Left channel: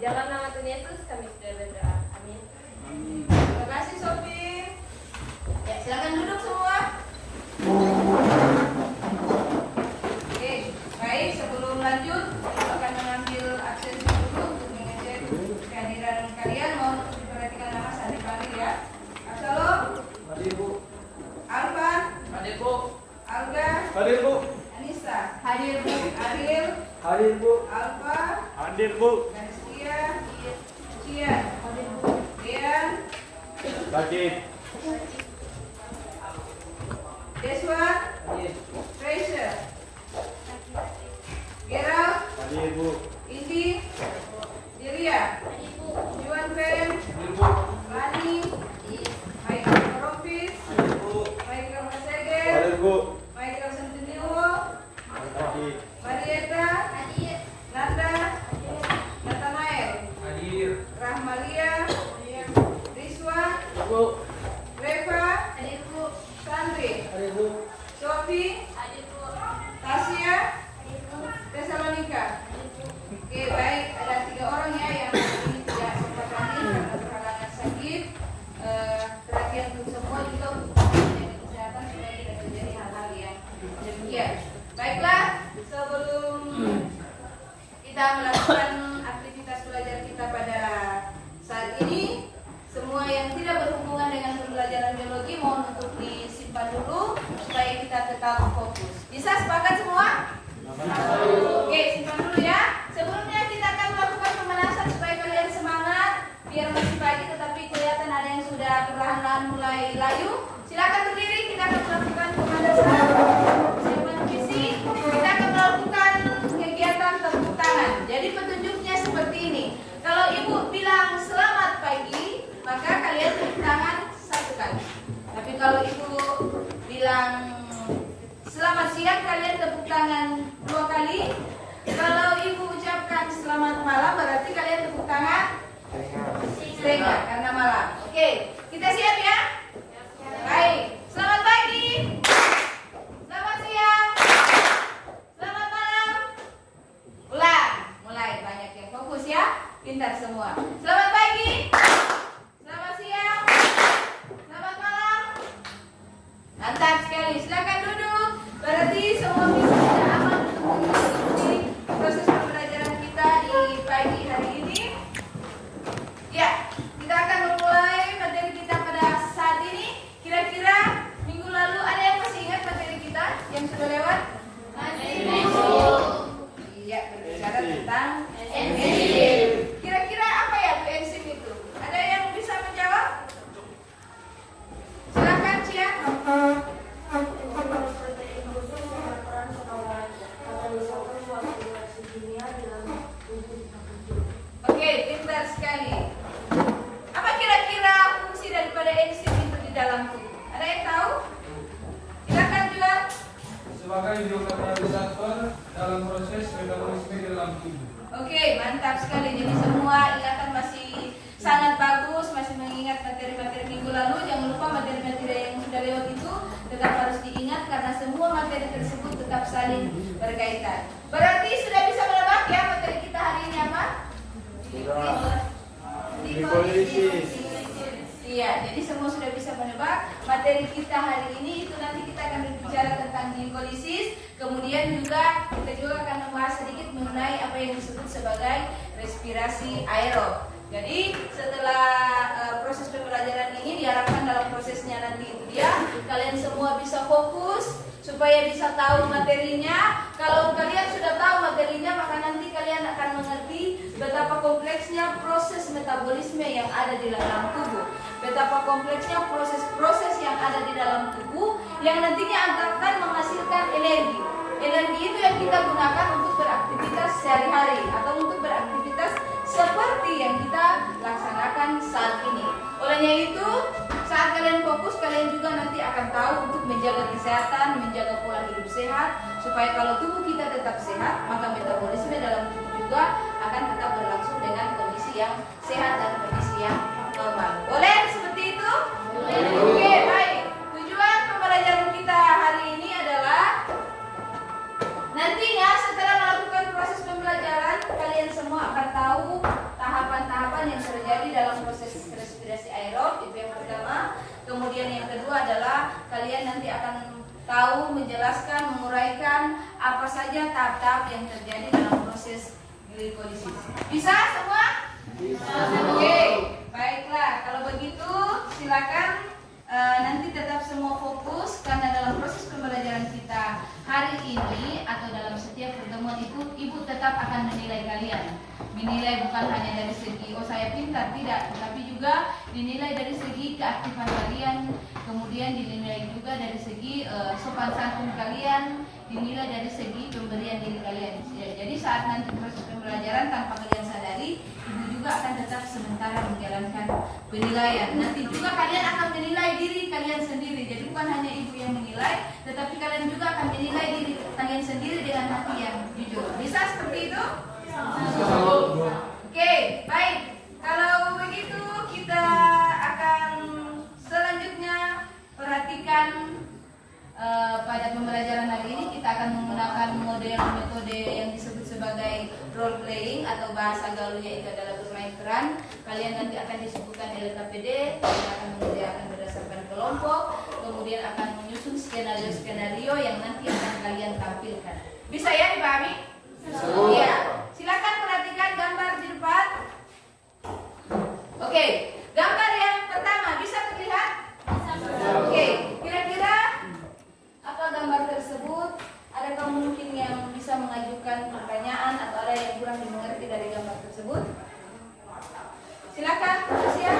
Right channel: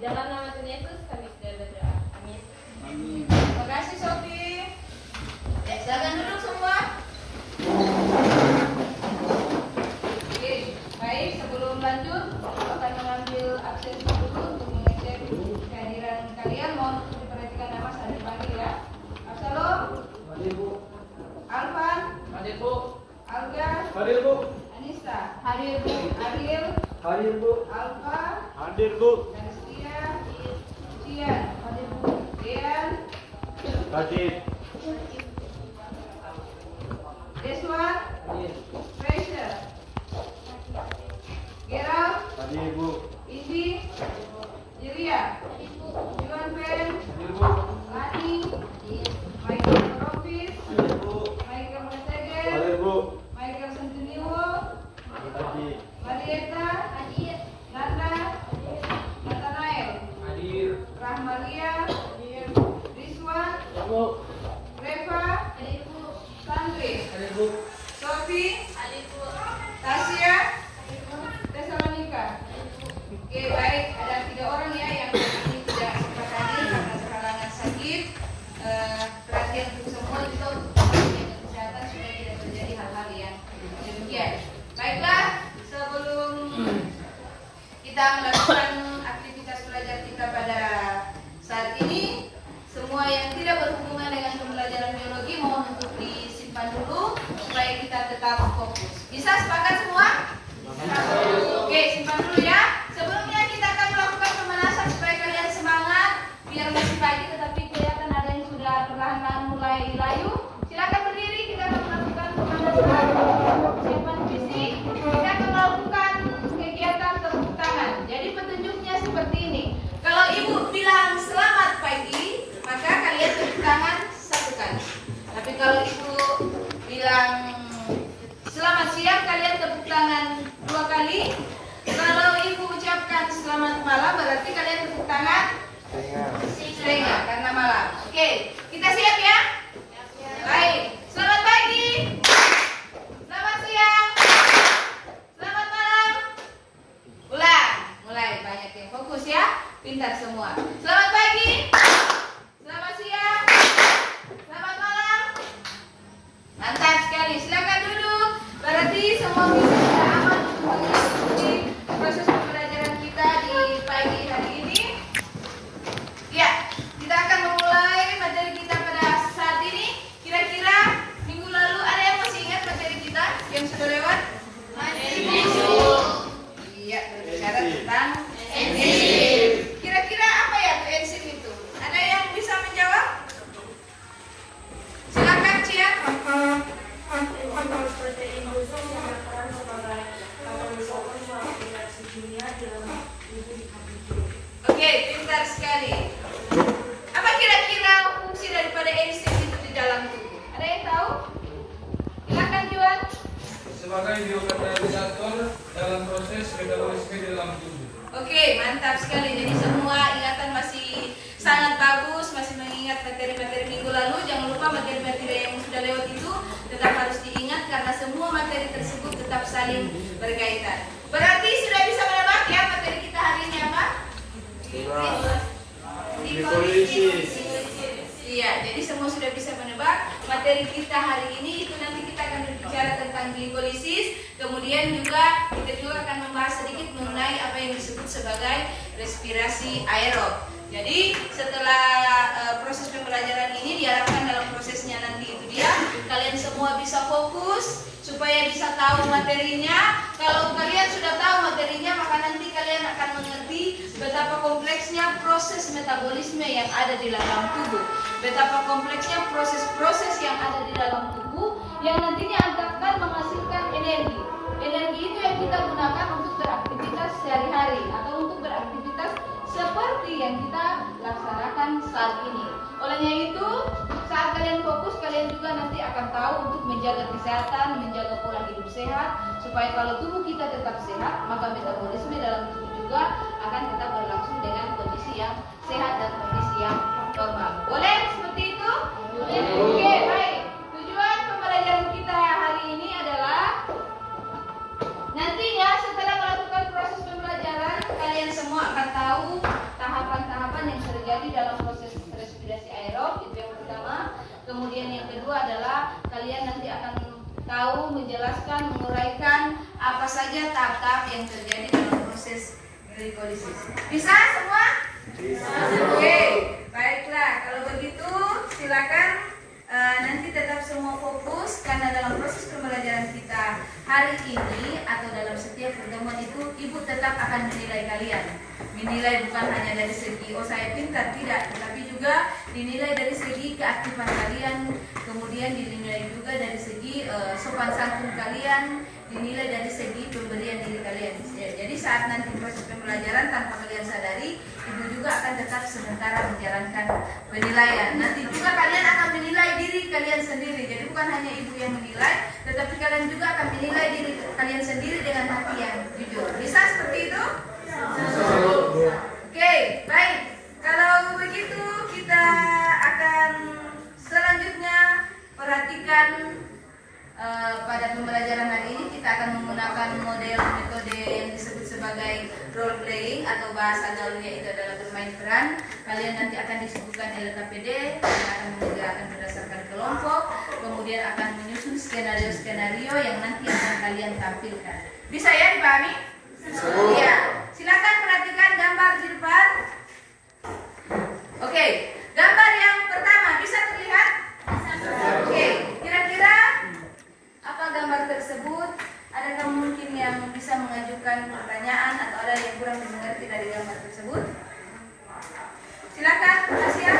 dalam nama Tuhan Yesus kami sudah berdoa. Amin. Terima kasih Sofi. Ya, silakan duduk semua. Oke, baik. Sebelum lanjut, aku akan mengambil absensi dulu untuk mengecek kehadiran kalian. Mohon untuk diperhatikan nama saat dipanggil ya. Absalom. Hadir Bu. Alvan. Hadir Bu. Alga. Hadir Bu. Anissa. Hadir Bu. Ariel. Hadir Bu. Alfa. Hadir Bu. Ganestia. Cia. Hadir Bu. Dean. Hadir. Deswa. Hadir. Fraser. Gerald. Hadir Bu. Indi. Julia. Juan Pen. Hadir Bu. Lani. Michael Koropis. Hadir Bu. Michael Masede. Hadir Bu. Michael Sentiniwo. Hadir. Marieta. Nanda. Nathanael. Hadir. Rahmalia. Rizwa. Bu. Reva. Sandri. Hadir Bu. Sofi. Tasya. Tesalonika. Oke, baik. Ada 3 orang ya yang hari ini tidak sempat hadir karena terhalangan sakit. Perhatian untuk semua kita untuk menjaga kesehatan supaya tidak terjadi hal-hal yang demikian. Baiklah, sebelum kita melakukan aktivitas belajar kita pada saat ini, semua yang tidak berhubungan dengan pembelajaran biologi mohon untuk disimpan dulu supaya kita tetap fokus. Bisa sepakat semua? Oke, simpan dulu ya. Sebelumnya kita akan melakukan pemanasan supaya kalian semangat. Biar masih pagi tetapi kelihatan ada yang sudah perlahan-lahan mulai layu. Silakan berdiri, kita akan melakukan pemanasan. Silakan visi. Kita akan melakukan kegiatan tepuk tangan. Jadi petunjuknya seperti ini. Kalau ibu bilang selamat pagi, maka kalian tepuk tangan 1 kali. Tapi kalau ibu bilang selamat siang, kalian tepuk tangan 2 kali. Kalau ibu ucapkan selamat malam, berarti kalian tepuk tangan setengah karena malam. Oke, kita siap ya? Baik. Selamat pagi. Selamat siang. Selamat malam. Ulang. Mulai banyak yang fokus ya. Pintar semua. Selamat pagi. Selamat siang. Selamat malam. Mantap sekali. Silakan duduk. Berarti semua bisa aman untuk mengikuti proses pembelajaran kita di pagi hari ini. Ya, kita akan memulai materi kita pada saat ini. Kira-kira minggu lalu ada yang masih ingat materi kita yang sudah lewat? Iya, berbicara tentang enzim. Kira-kira apa ya tuh enzim itu? Ada yang bisa menjawab? Silakan Cia. Oke, pintar sekali. Apa kira-kira fungsi daripada enzim itu di dalam tubuh? Ada yang tahu? Silakan Juan. Sebagai biokatalisator dalam proses metabolisme dalam tubuh. Oke, mantap sekali. Jadi semua ingatan masih sangat bagus, masih mengingat materi-materi minggu lalu. Jangan lupa materi-materi yang sudah lewat itu tetap harus diingat karena semua materi tersebut tetap saling berkaitan. Berarti sudah bisa menebak ya materi kita hari ini apa? Glikolisis. Iya, jadi semua sudah bisa menebak. Materi kita hari ini itu nanti kita akan berbicara tentang glikolisis. Kemudian juga kita juga akan membahas sedikit mengenai apa yang disebut sebagai respirasi aerob. Jadi setelah proses pembelajaran ini diharapkan dalam prosesnya nanti itu dia kalian semua bisa fokus supaya bisa tahu materinya. Kalau kalian sudah tahu materinya maka nanti kalian akan mengerti betapa kompleksnya proses metabolisme yang ada di dalam tubuh. Betapa kompleksnya proses-proses yang ada di dalam tubuh yang nantinya akan menghasilkan energi. Energi itu yang kita gunakan untuk beraktivitas sehari-hari atau untuk beraktivitas seperti yang kita laksanakan saat ini. Olehnya itu, saat kalian fokus, kalian juga nanti akan tahu untuk menjaga kesehatan, menjaga pola hidup sehat, supaya kalau tubuh kita tetap sehat, maka metabolisme dalam tubuh juga akan tetap berlangsung dengan kondisi yang sehat dan kondisi yang normal. Boleh seperti itu? Boleh. Oke, baik. Tujuan pembelajaran kita hari ini adalah nantinya setelah melakukan proses pembelajaran, kalian semua akan tahu tahap kemudian yang kedua adalah kalian nanti akan tahu, menjelaskan, menguraikan apa saja tahap-tahap yang terjadi dalam proses glikolisis. Bisa semua? Bisa. Oke, baiklah. Kalau begitu silakan nanti tetap semua fokus, karena dalam proses pembelajaran kita hari ini atau dalam setiap pertemuan itu ibu tetap akan menilai kalian. Menilai bukan hanya dari segi oh saya pintar, tidak, tetapi juga dinilai dari segi keaktifan kalian, kemudian dinilai juga dari segi sopan santun kalian, dinilai dari segi pemberian diri kalian. Jadi saat nanti proses pembelajaran tanpa kalian sadari, ibu juga akan tetap sementara menjalankan penilaian. Nanti juga kalian akan menilai diri kalian sendiri. Jadi bukan hanya ibu yang menilai, tetapi kalian juga akan menilai diri kalian sendiri dengan hati yang jujur. Bisa seperti itu? Oke, baik. Kalau begitu kita akan selanjutnya perhatikan pada pembelajaran hari ini kita akan menggunakan model metode yang disebut sebagai role playing atau bahasa gaulnya itu adalah bermain peran. Kalian nanti akan disebutkan LKPD, kalian akan mengerjakan berdasarkan kelompok, kemudian akan menyusun skenario-skenario yang nanti akan kalian tampilkan. Bisa ya dipahami? Iya. Silakan perhatikan gambar di depan. Oke, gambar yang pertama bisa terlihat? Oke, kira-kira apa gambar tersebut? Adakah mungkin yang bisa mengajukan pertanyaan atau ada yang kurang dimengerti dari gambar tersebut? Silakan, Tasya.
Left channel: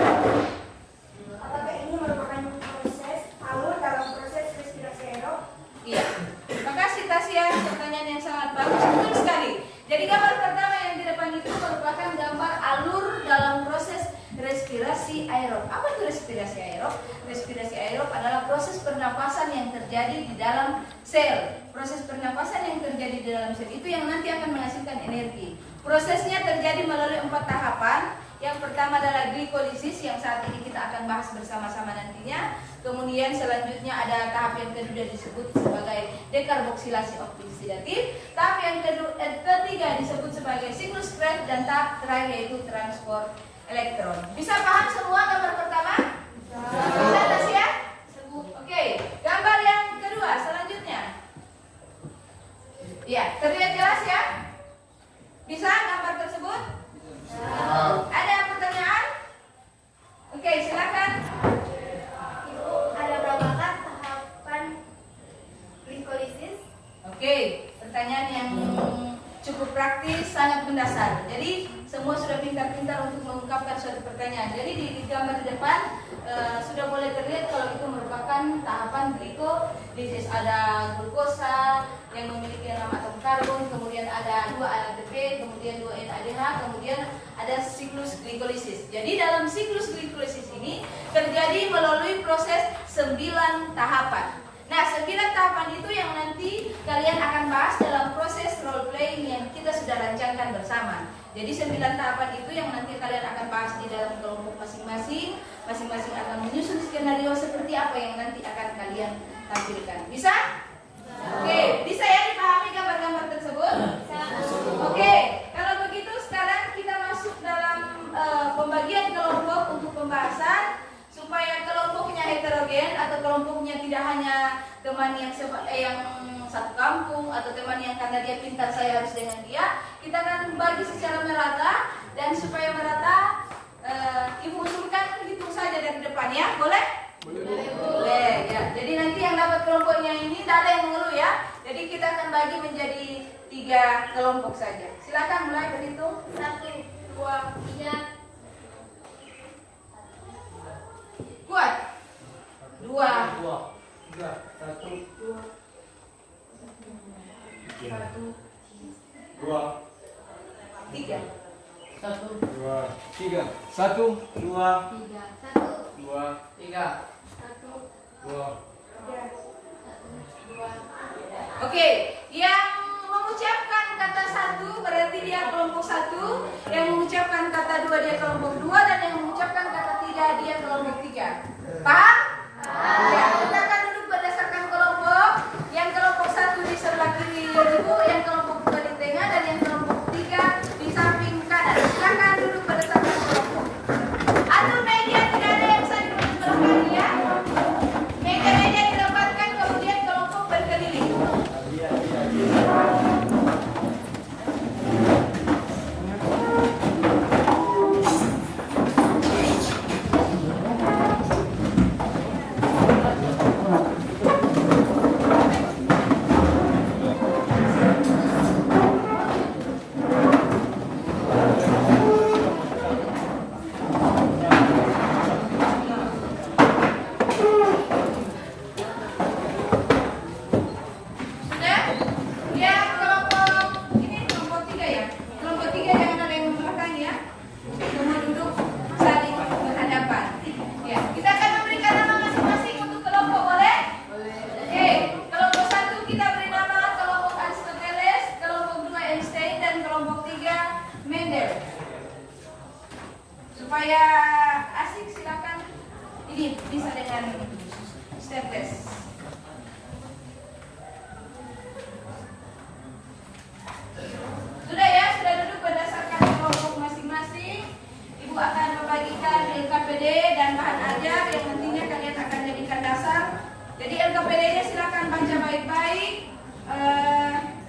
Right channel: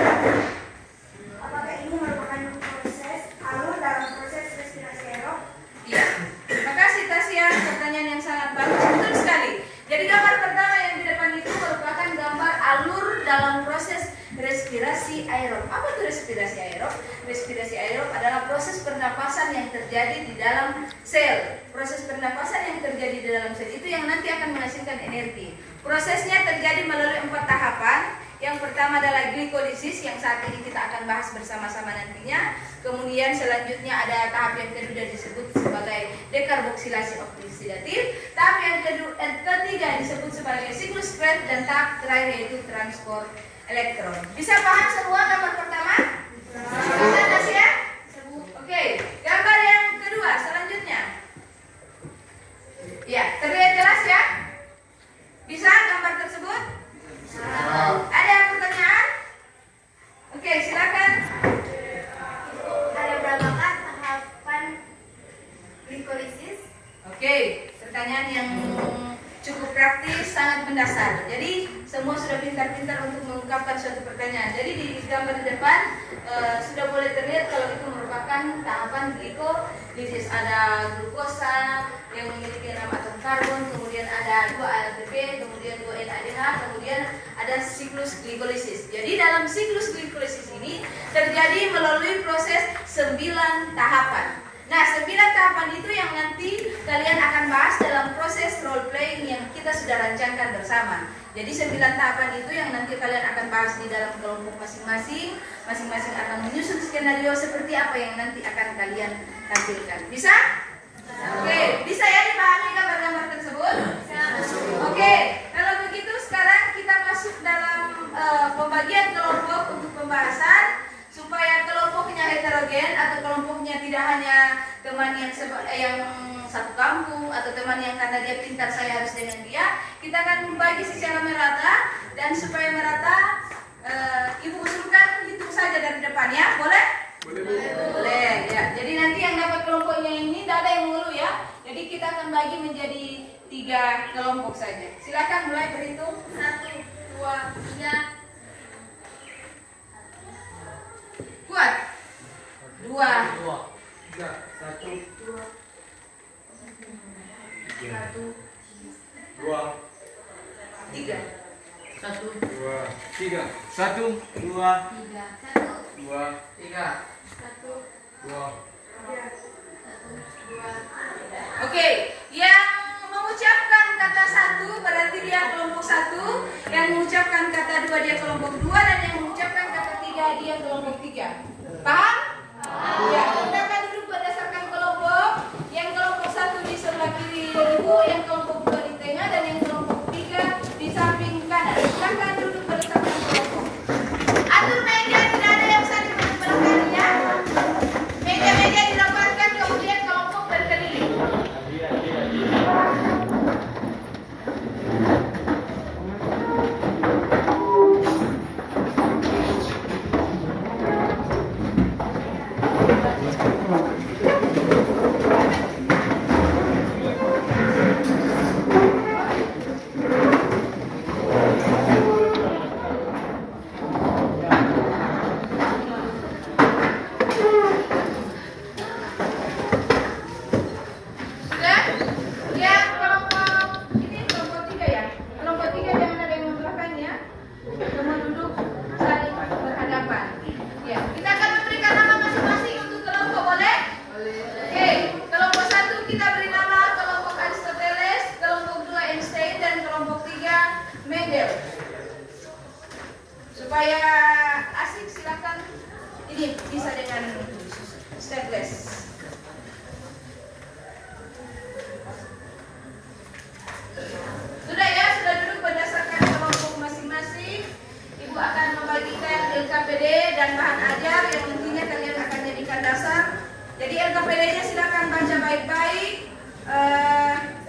Apakah ini merupakan proses alur dalam proses respirasi aerob? Iya. Terima kasih Tasya, pertanyaan yang sangat bagus. Betul sekali. Jadi gambar pertama yang di depan itu merupakan gambar alur dalam proses respirasi aerob. Apa itu respirasi aerob? Respirasi aerob adalah proses pernapasan yang terjadi di dalam sel. Proses pernapasan yang terjadi di dalam sel itu yang nanti akan menghasilkan energi. Prosesnya terjadi melalui 4 tahapan. Yang pertama adalah glikolisis yang saat ini kita akan bahas bersama-sama nantinya. Kemudian selanjutnya ada tahap yang kedua disebut sebagai dekarboksilasi oksidatif. Tahap yang ketiga disebut sebagai siklus Krebs dan tahap terakhir yaitu transport elektron. Bisa paham semua gambar pertama? Bisa Tasya? Oke, gambar yang kedua selanjutnya. Ya, terlihat jelas ya? Bisa gambar tersebut? Ada pertanyaan? Oke, silakan. Ada berapakah tahapan glikolisis? Oke, pertanyaan yang cukup praktis, sangat mendasar. Jadi semua sudah pintar-pintar untuk mengungkapkan suatu pertanyaan. Jadi di gambar di depan sudah boleh terlihat kalau itu merupakan tahapan glikolisis. Ada glukosa yang memiliki 6 atom karbon, kemudian ada 2 ATP, kemudian 2 NADH, kemudian ada siklus glikolisis. Jadi dalam siklus glikolisis ini terjadi melalui proses 9 tahapan. Nah, 9 tahapan itu yang nanti kalian akan bahas dalam proses role playing yang kita sudah rancangkan bersama. Jadi 9 tahapan itu yang nanti kalian akan bahas di dalam kelompok masing-masing. Masing-masing akan menyusun skenario seperti apa yang nanti akan kalian tampilkan. Bisa? Oke, bisa ya dipahami gambar-gambar tersebut? Oke, kalau begitu sekarang kita masuk dalam pembagian kelompok untuk pembahasan. Supaya kelompoknya heterogen atau kelompoknya tidak hanya teman yang satu kampung atau teman yang karena dia pintar saya harus dengan dia, kita akan membagi secara merata. Dan supaya merata, ibu usulkan hitung saja dari depan ya, boleh? Boleh ya. Jadi nanti yang dapat kelompoknya ini tidak ada yang mengeluh ya. Jadi kita akan bagi menjadi 3 kelompok saja. Silakan mulai berhitung. 1, 2, 3. Kuat. 2, 3, 1, 2, 2, 3. 2, 3, 1, 2, 2, 3, 2. Oke, yang mengucapkan kata 1 berarti dia kelompok 1, yang mengucapkan kata 2 dia kelompok 2, dan yang mengucapkan kata 3 dia kelompok 3. Paham? Ya, kita akan duduk berdasarkan kelompok. Yang kelompok 1 di sebelah kiri ibu, yang kelompok 2 di tengah, dan yang kelompok 3 di samping kanan. Silakan duduk berdasarkan kelompok. Atur meja, tidak ada yang saya belakangnya. Supaya asik silakan ini bisa dengan staples. Sudah ya, sudah duduk berdasarkan kelompok masing-masing. Ibu akan membagikan LKPD dan bahan ajar yang nantinya kalian akan jadikan dasar. Jadi LKPD-nya silakan baca baik-baik.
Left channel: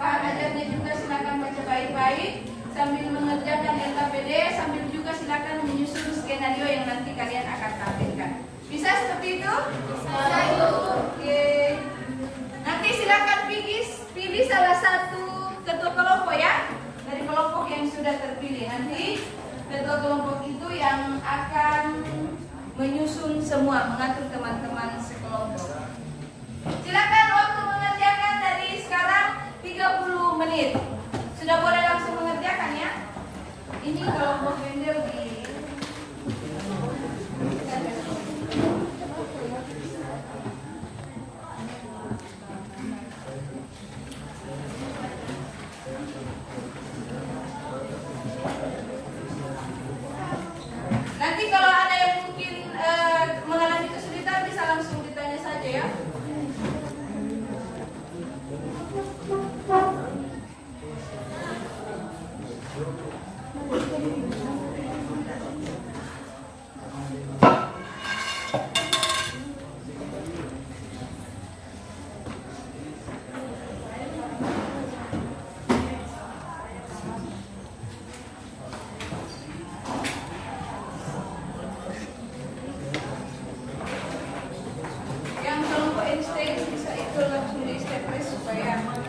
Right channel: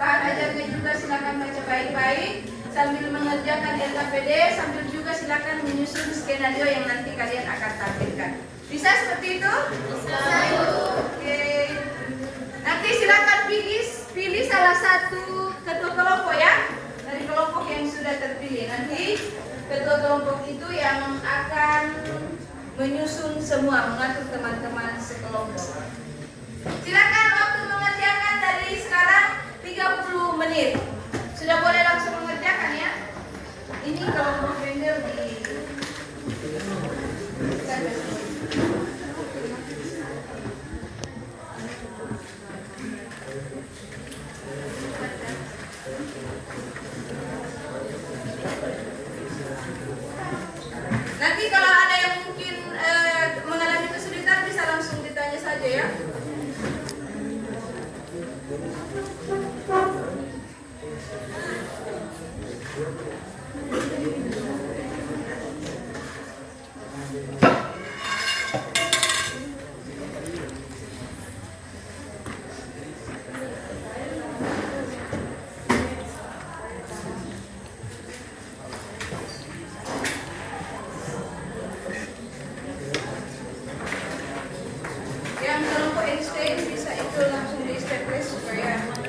Bahan ajarnya juga silakan baca baik-baik. Sambil mengerjakan LKPD, sambil juga silakan menyusun skenario yang nanti kalian akan tampilkan. Bisa seperti itu? Bisa. Oke. Nanti silakan pilih salah satu ketua kelompok ya, dari kelompok yang sudah terpilih. Nanti ketua kelompok itu yang akan menyusun semua, mengatur teman-teman sekelompok. Silakan waktu mengerjakan dari sekarang 30 menit. Sudah boleh langsung mengerjakan ya. Ini kalau mau vendor di nanti kalau ada yang mungkin mengalami kesulitan bisa langsung ditanya saja ya. Yang kelompok Einstein bisa itu langsung di staples supaya aman.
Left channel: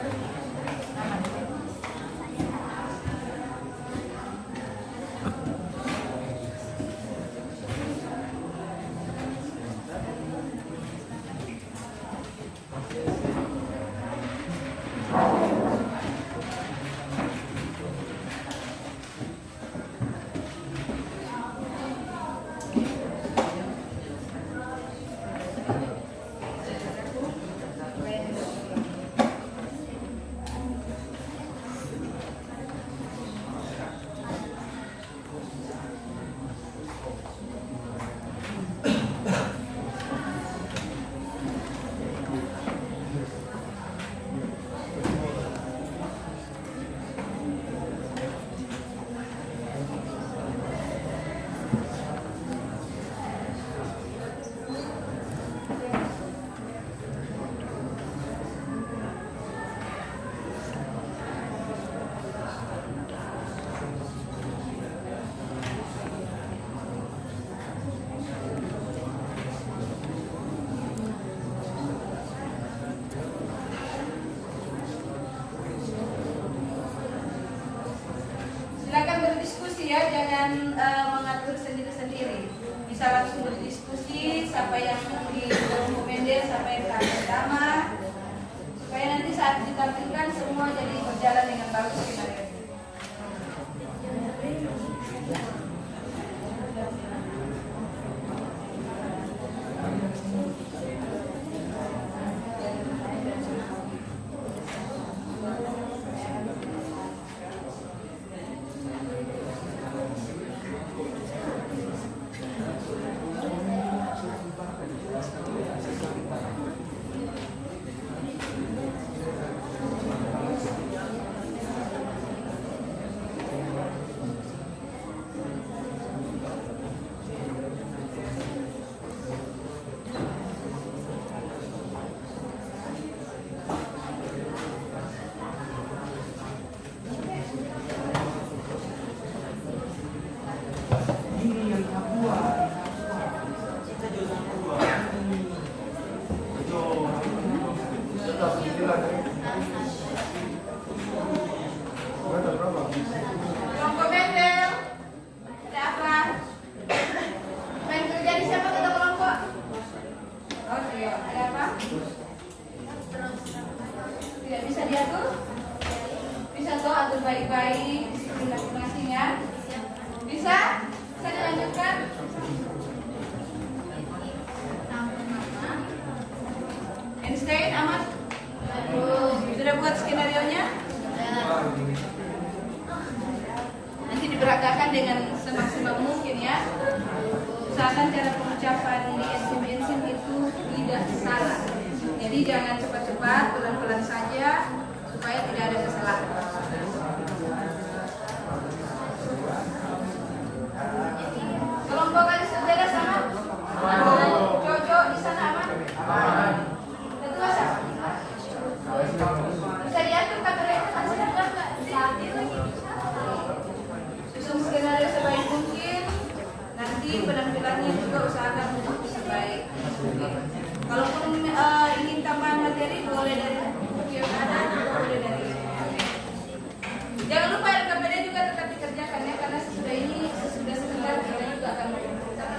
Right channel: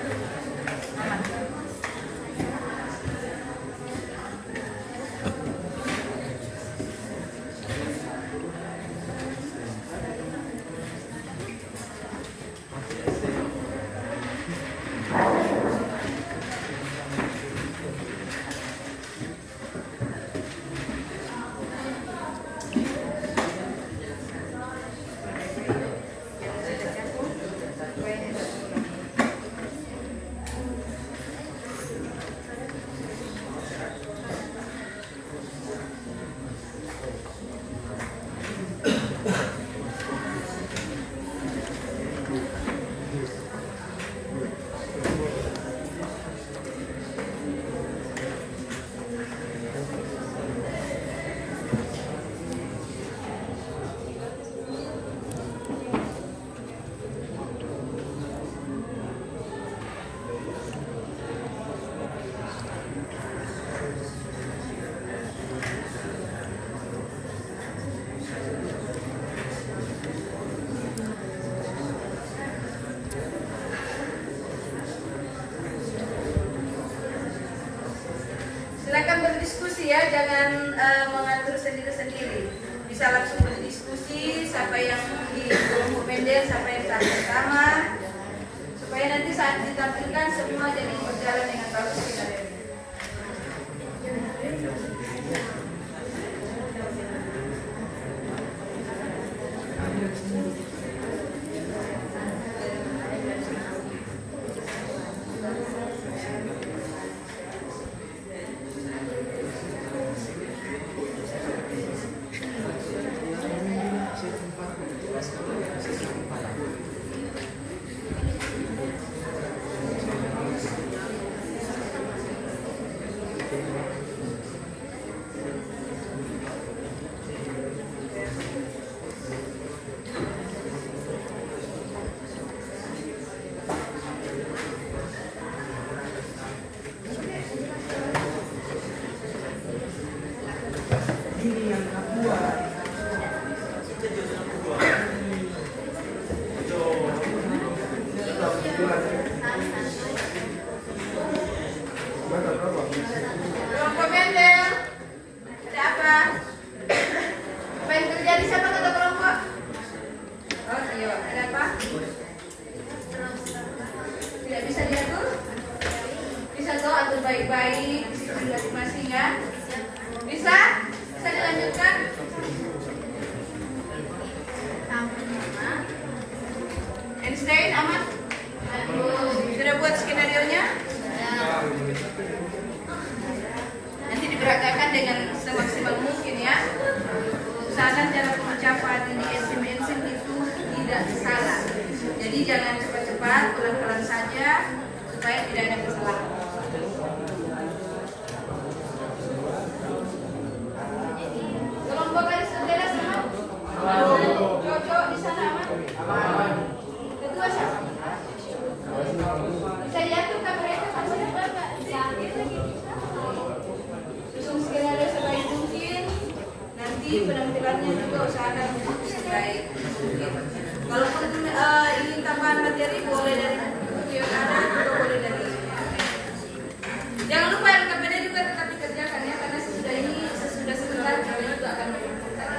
Silakan berdiskusi ya, jangan mengatur sendiri-sendiri. Bisa langsung berdiskusi siapa yang di kelompok Mendel, siapa yang tahap pertama, supaya nanti saat ditampilkan semua jadi berjalan dengan bagus skenario. Kelompok Mendel, ada apa? Apa yang terjadi, siapa ketua kelompok? Oh iya, ada apa? Tidak bisa diatur? Bisa toh atur baik-baik, masing-masing ya? Bisa? Bisa dilanjutkan? jangan cepat-cepat, pelan-pelan saja supaya tidak ada kesalahan. Kelompok garis bendera sama? Jojo di sana aman? Kedua sama? Bisa diatur kan mereka? Susun skenario sebaik mungkin. Nanti penampilannya juga usahakan sebaik mungkin. Kalaupun ingin tambahan materi boleh dari video kanan atau boleh dari. Jangan lupa LKPD juga tetap dikerjakan ya, karena sesudah sebentar kita juga akan mengumpulkan.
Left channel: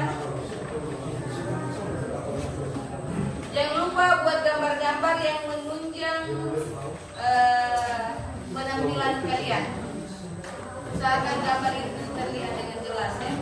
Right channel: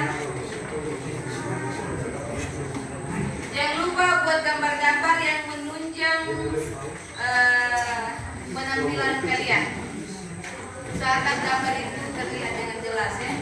Jangan lupa buat gambar-gambar yang menunjang penampilan kalian. Usahakan gambar itu terlihat dengan jelas ya.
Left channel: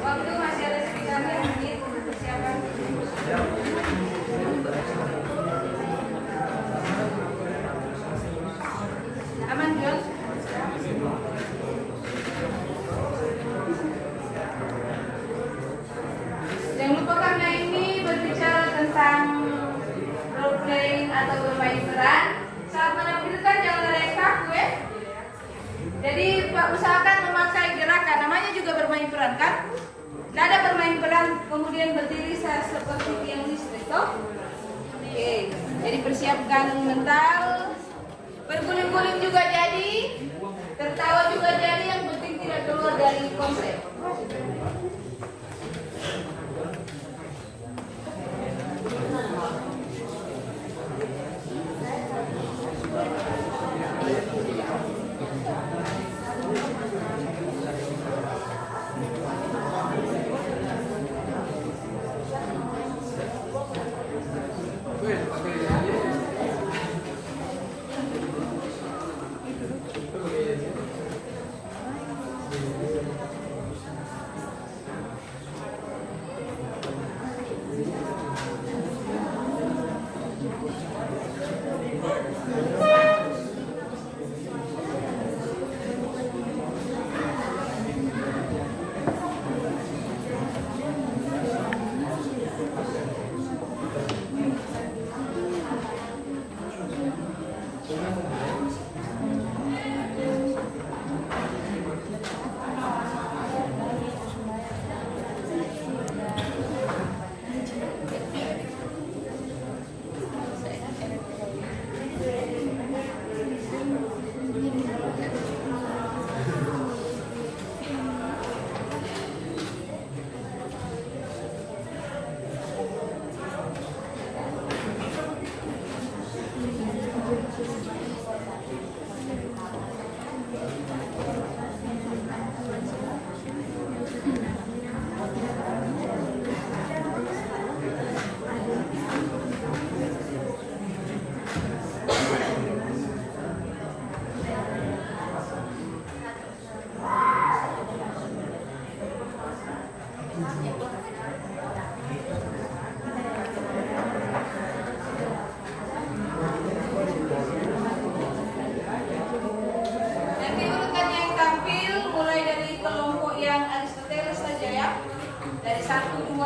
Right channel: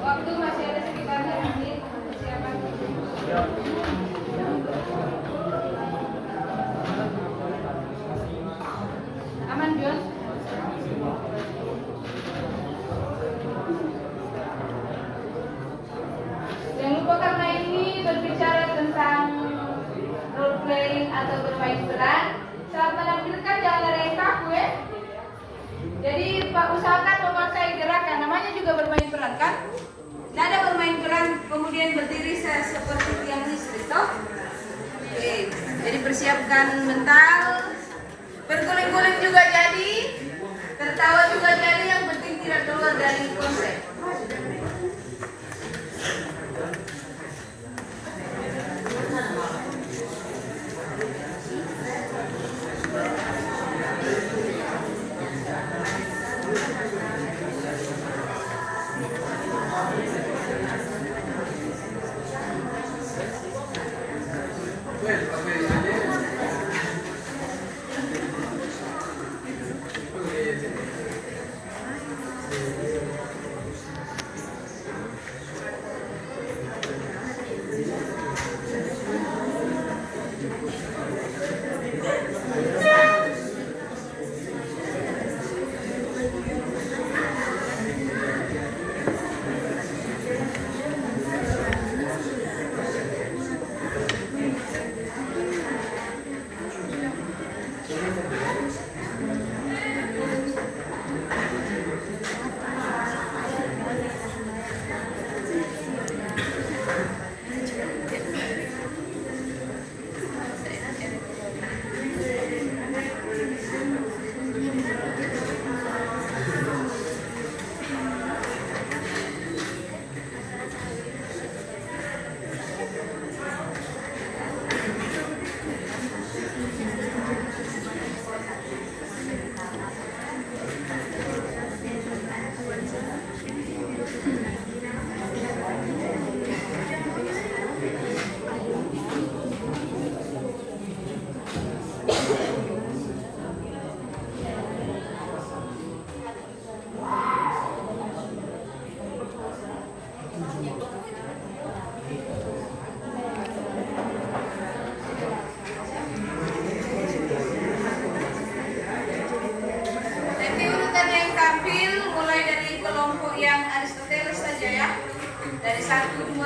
Waktu masih ada sekitar 5 menit untuk persiapan. Aman, John? Jangan lupa karena ini berbicara tentang role playing atau bermain peran. Saat menampilkan jangan ada yang kaku ya. Jadi Pak usahakan memakai gerakan, namanya juga bermain peran kan? Nada bermain peran kemudian berdiri seperti tiang listrik toh? Oke, jadi persiapkan mental. Berguling-guling juga jadi, tertawa juga jadi, yang penting tidak keluar dari konsep.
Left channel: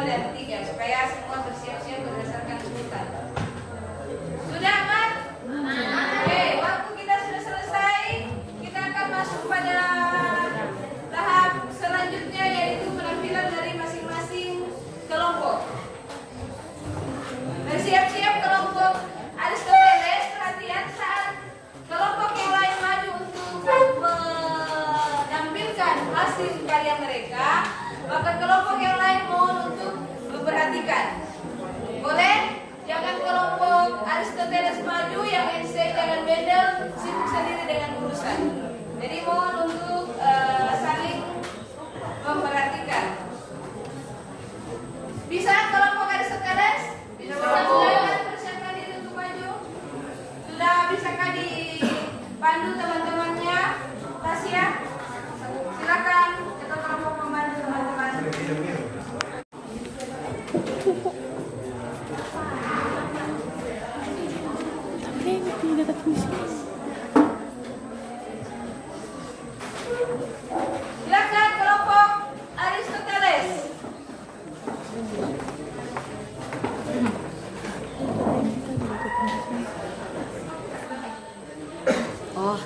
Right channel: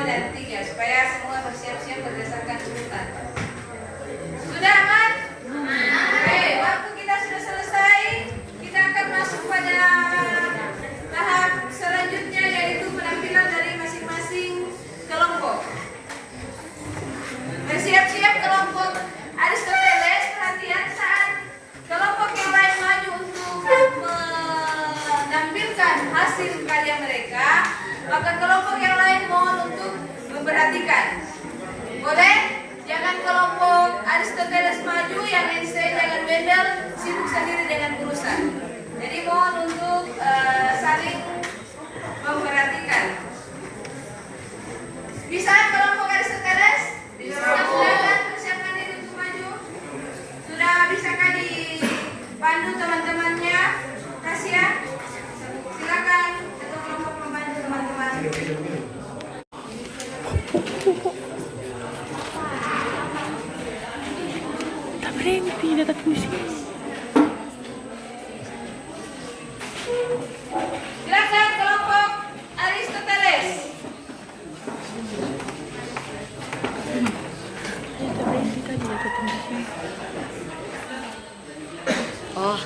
dan 3 supaya semua bersiap-siap berdasarkan urutan. Sudah aman? Oke, waktu kita sudah selesai, kita akan masuk pada tahap selanjutnya yaitu penampilan dari masing-masing kelompok. Bersiap-siap kelompok Aristoteles, perhatian saat kelompok yang lain maju untuk menampilkan hasil karya mereka, maka kelompok yang lain mohon untuk memperhatikan. Boleh? Jangan kelompok Aristoteles maju, yang Einstein dengan Wendell sibuk sendiri dengan urusan. Jadi mohon untuk saling memperhatikan. Bisa kelompok Aristoteles? Bisa. Silakan persiapkan diri untuk maju. Sudah bisakah dipandu teman-temannya? Tasya, silakan ketua kelompok membantu teman-teman. Tidak puisi. Silakan kelompok Aristoteles. Oh.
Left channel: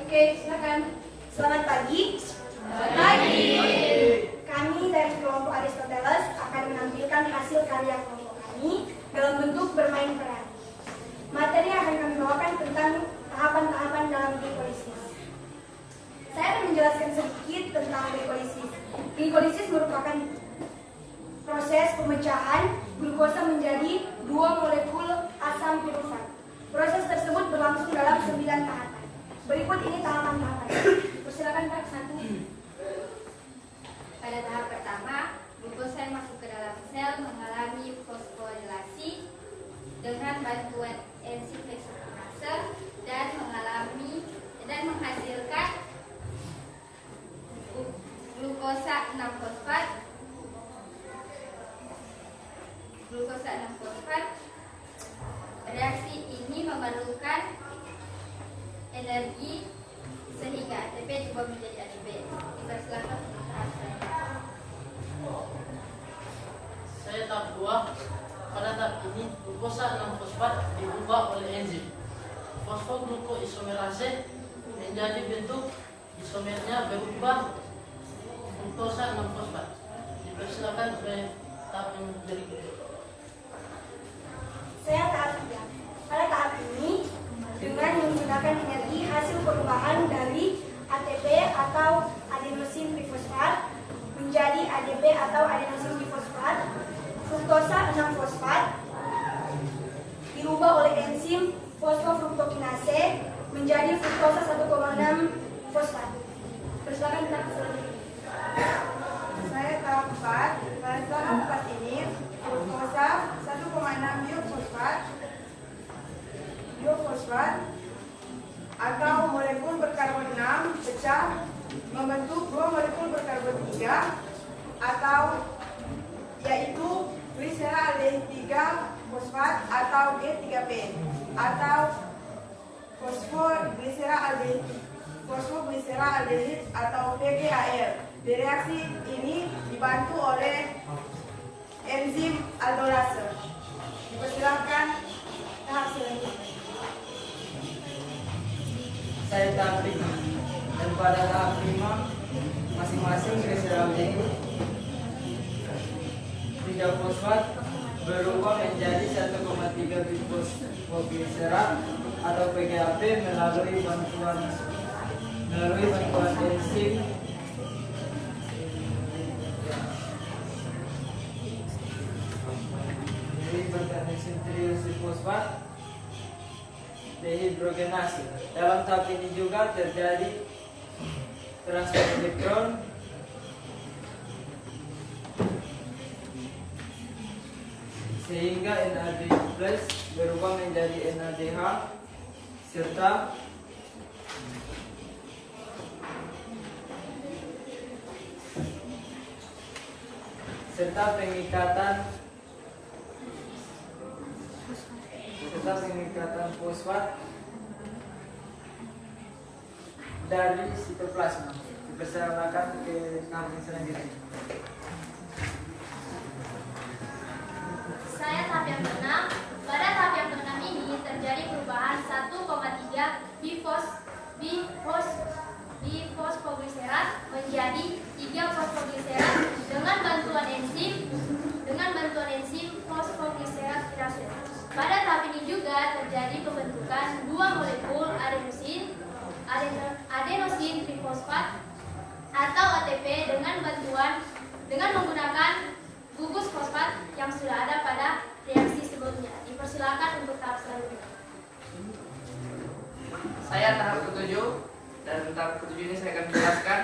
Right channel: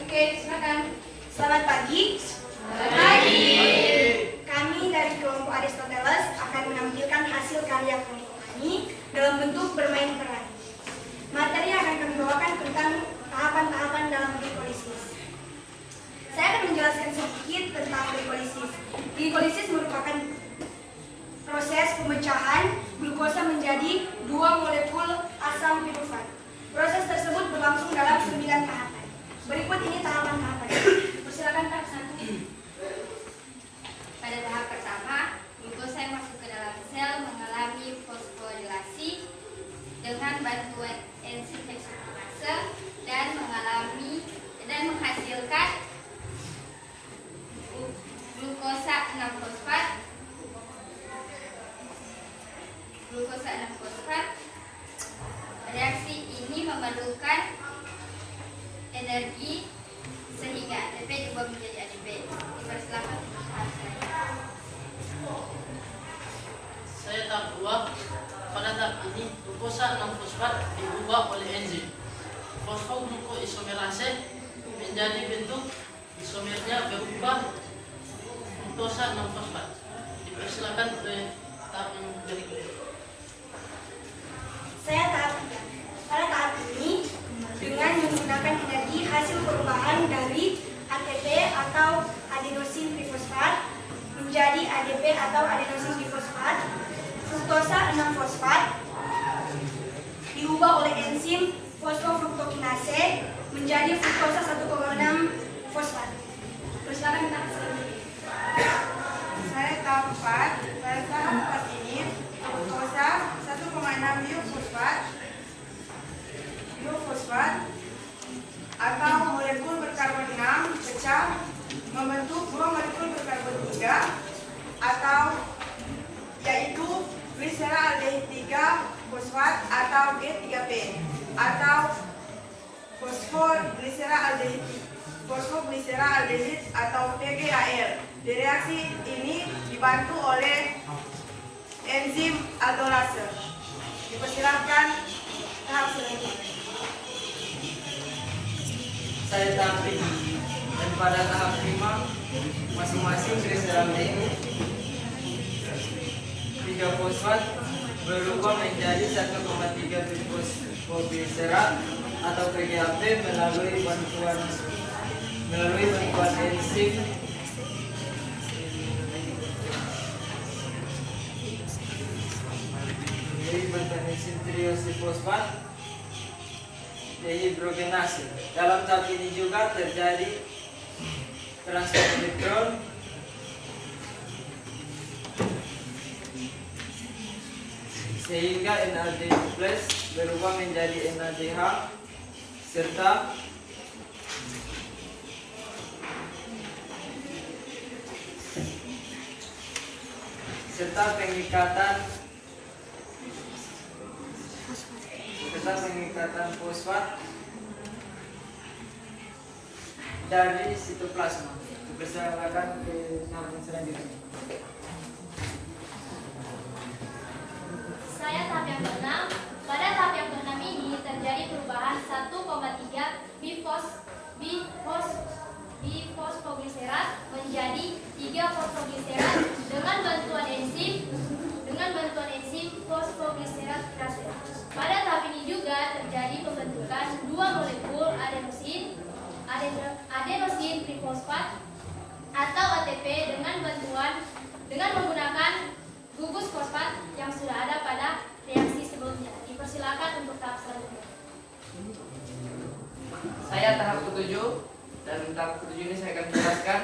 Oke, silakan. Selamat pagi. Selamat pagi. Kami dari kelompok Aristoteles akan menampilkan hasil karya kelompok kami dalam bentuk bermain peran. Materi yang akan kami bawakan tentang tahapan-tahapan dalam glikolisis. Saya akan menjelaskan sedikit tentang glikolisis. Glikolisis merupakan proses pemecahan glukosa menjadi 2 molekul asam pirufat. Proses tersebut berlangsung dalam 9 tahapan. Berikut ini tahapan-tahapan. Persilakan Kak, 1. Pada tahap pertama, glukosa yang masuk ke dalam sel mengalami fosforilasi dengan bantuan enzim heksokinase dan menghasilkan glukosa 6-fosfat. Reaksi ini memerlukan energi sehingga ATP diubah menjadi ADP. Dipersilakan usaha saya. Saya tahap 2. Pada tahap ini, glukosa 6-fosfat diubah oleh enzim fosfoglukoisomerase menjadi bentuk isomernya berubah glukosa 6-fosfat. Dipersilakan oleh tahap yang berikutnya. Saya tahap 3. Pada tahap ini, dengan menggunakan energi hasil perubahan dari ATP atau adenosin trifosfat menjadi ADP atau adenosin difosfat, fruktosa 6-fosfat diubah oleh enzim fosfofruktokinase menjadi fruktosa 1,6-fosfat. Persilakan kita selanjutnya. Saya tahap 4. Pada tahap 4 ini, fruktosa 1,6 biofosfat atau molekul berkarbon 6 pecah membentuk 2 molekul berkarbon 3 atau yaitu gliseraldehid 3 fosfat atau G3P atau fosfoglyceraldehid atau PGAL. Di reaksi ini dibantu oleh enzim aldolase. Dipersilahkan tahap selanjutnya. Saya tahap 5. Dan pada tahap 5, masing-masing gliseraldehid 3 fosfat berubah menjadi 1,3 bisfosfogliserat atau PGAP melalui bantuan enzim triosifosfat dehidrogenase. Dalam tahap ini juga terjadi transfer elektron sehingga NAD+ berubah menjadi NADH serta pengikatan fosfat dari sitoplasma. Dipersilakan ke tahap yang selanjutnya. Saya tahap yang keenam. Pada tahap yang keenam ini terjadi perubahan 1,3 bifosfogliserat menjadi 3 fosfogliserat dengan bantuan enzim fosfogliserat kinase. Pada tahap ini juga terjadi pembentukan 2 molekul adenosin trifosfat atau ATP dengan menggunakan gugus fosfat yang sudah ada pada reaksi sebelumnya. Dipersilakan untuk tahap selanjutnya. Saya tahap ketujuh, dan tahap ketujuh ini saya akan menjelaskan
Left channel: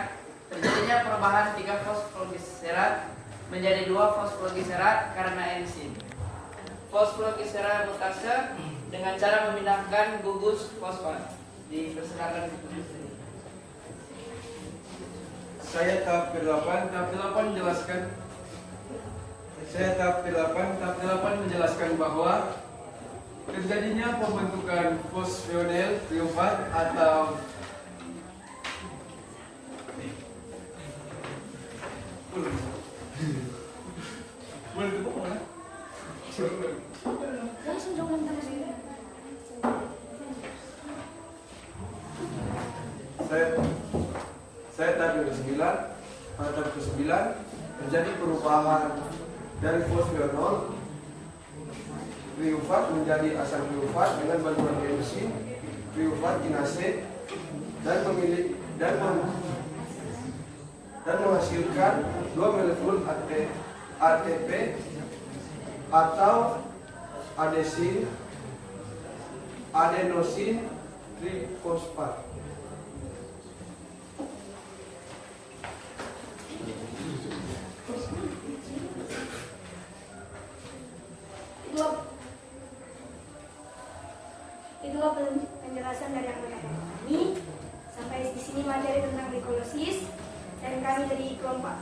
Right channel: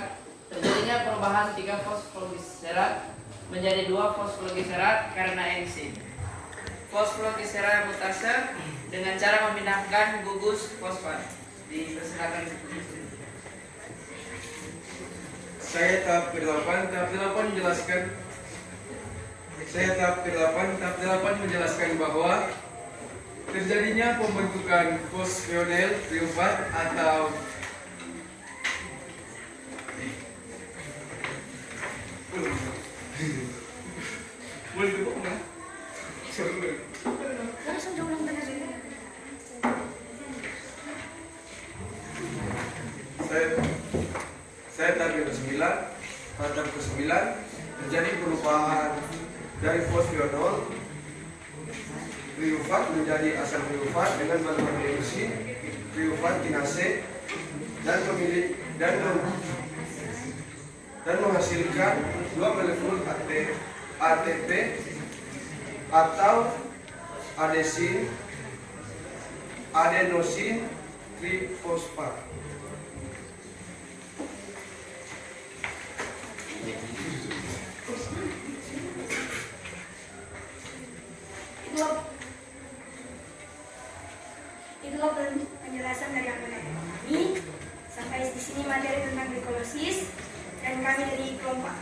terjadinya perubahan 3 fosfogliserat menjadi 2 fosfogliserat karena enzim fosfogliserat mutase dengan cara memindahkan gugus fosfat. Dipersilakan. Saya tahap ke-8 menjelaskan bahwa terjadinya pembentukan fosfonil triumfat atau saya tahap ke-9 terjadi perubahan dari fosfonol triumfat menjadi asam triumfat dengan bantuan enzim triumfat kinase dan menghasilkan 2 molekul ATP atau adenosin trifosfat. Itulah penjelasan dari anggota kami. Sampai di sini materi tentang glikolosis, dan kami dari kelompok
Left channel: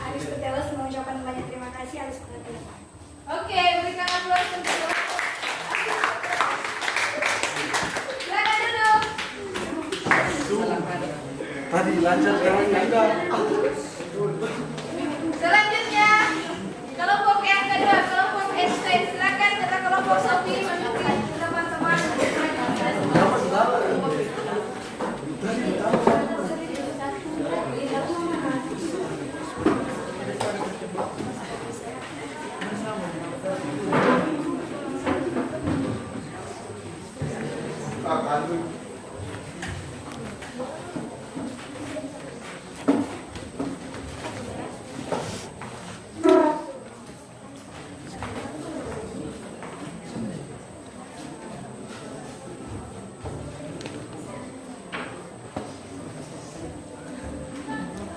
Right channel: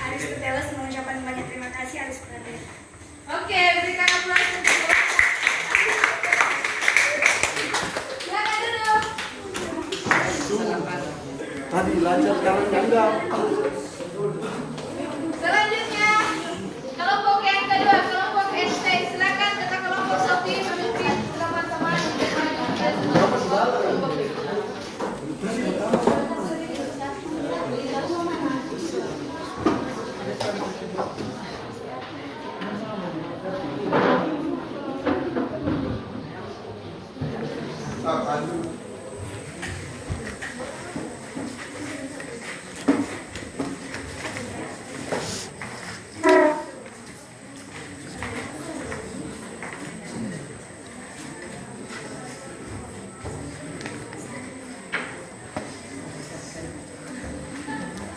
Aristoteles mengucapkan banyak terima kasih atas perhatian. Oke, berikan aplaus untuk Bapak. Silakan duduk. Tadi lanjut sekarang enggak. Selanjutnya, kelompok yang kedua, kelompok Einstein. Silakan kita kelompok Sophie memimpin teman-teman.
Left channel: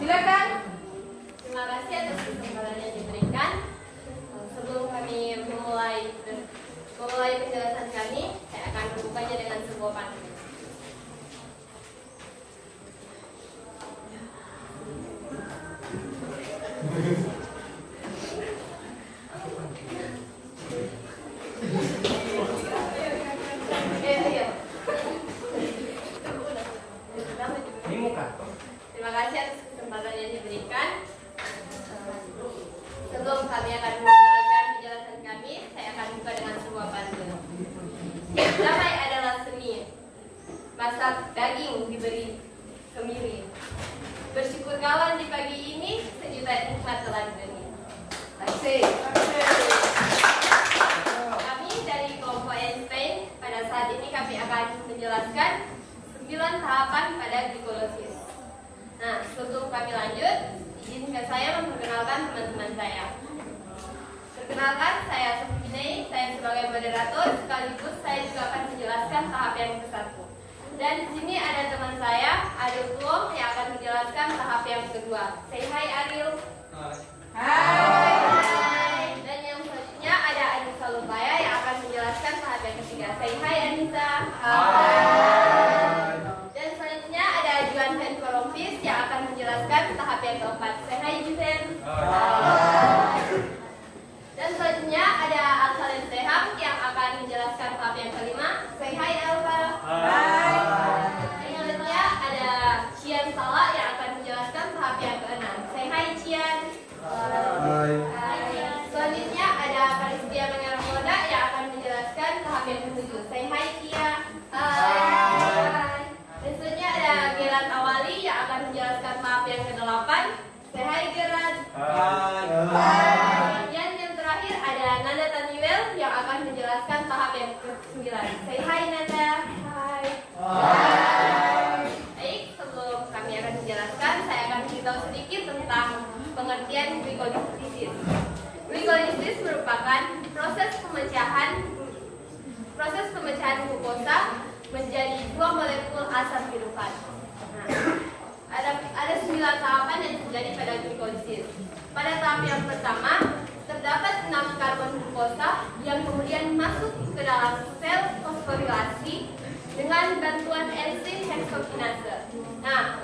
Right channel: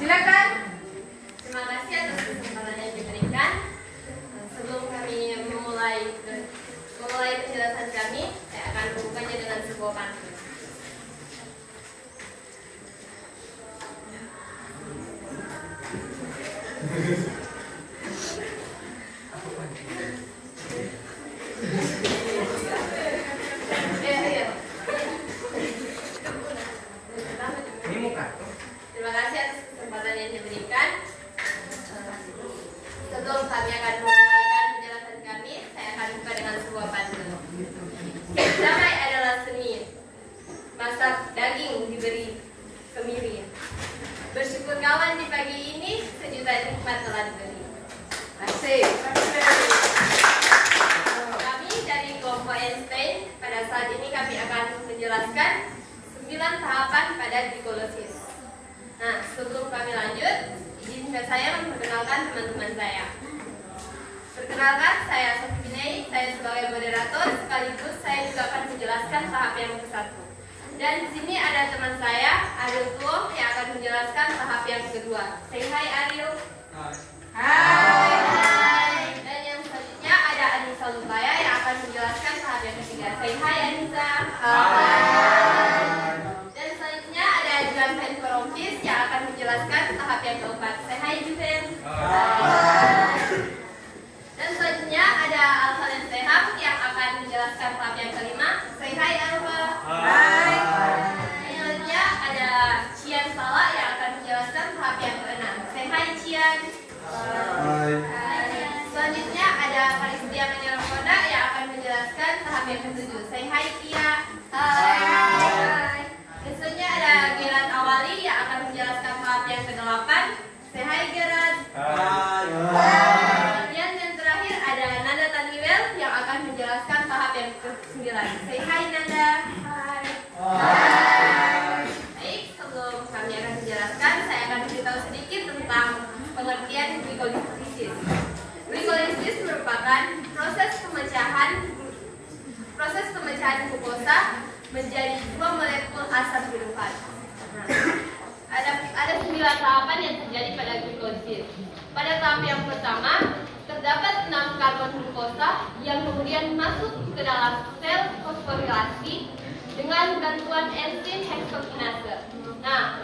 Silakan. Terima kasih atas kesempatan yang diberikan. Sebelum kami memulai penjelasan kami, saya akan membukanya dengan sebuah pantun. Terima kasih atas kesempatan yang diberikan. Sebelum kami akan memulai penjelasan kami, saya akan buka dengan sebuah pantun. Damai adalah seni, masak daging diberi kemiri. Bersyukur kawan di pagi ini, sejuta nikmat telah diberi. Asik. Kami dari kelompok Einstein, pada saat ini kami akan menjelaskan 9 tahapan pada glikolosis. Nah, sebelum kami lanjut, izinkan saya memperkenalkan teman-teman saya. Perkenalkan, saya Sophie, saya sebagai moderator, sekaligus saya juga akan menjelaskan tahap yang ke-1. Dan di sini ada teman saya, Ariel Tuom, yang akan menjelaskan tahap yang kedua. Say hi, Ariel. Hai. Dan yang selanjutnya ada Anissa Lubaya yang akan menjelaskan tahap yang ketiga. Say hi, Anissa. Hai. Dan selanjutnya ada Juan Henporompis yang akan menjelaskan tahap yang keempat. Say hi, Juven. Hai. Dan selanjutnya ada Alvalen Seham yang akan menjelaskan tahap yang kelima. Say hi, Alva. asam pirufat. Nah, ada 9 tahapan yang terjadi pada glikolisis. Pada tahap yang pertama, terdapat 6 karbon glukosa yang kemudian masuk ke dalam sel fosforilasi dengan bantuan enzim heksokinase. Nah,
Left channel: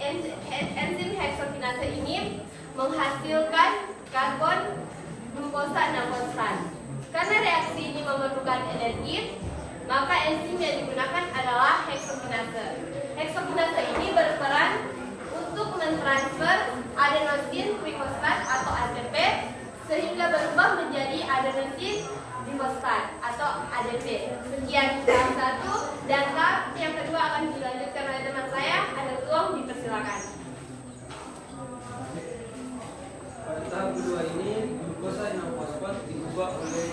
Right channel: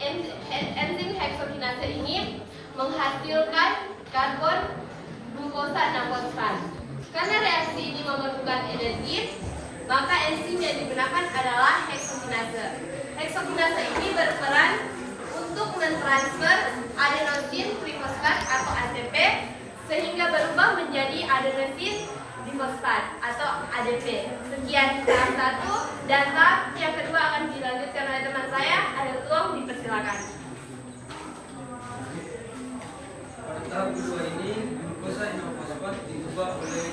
enzim heksokinase ini menghasilkan karbon glukosa 6-fosfat. Karena reaksi ini memerlukan energi, maka enzim yang digunakan adalah heksokinase. Heksokinase ini berperan untuk mentransfer adenosin trifosfat atau ATP sehingga berubah menjadi adenosin difosfat atau ADP. Sekian tahap 1 dan tahap yang kedua akan dilanjutkan oleh teman saya. Ada tolong dipersilakan. Pada tahap kedua ini, glukosa 6-fosfat diubah oleh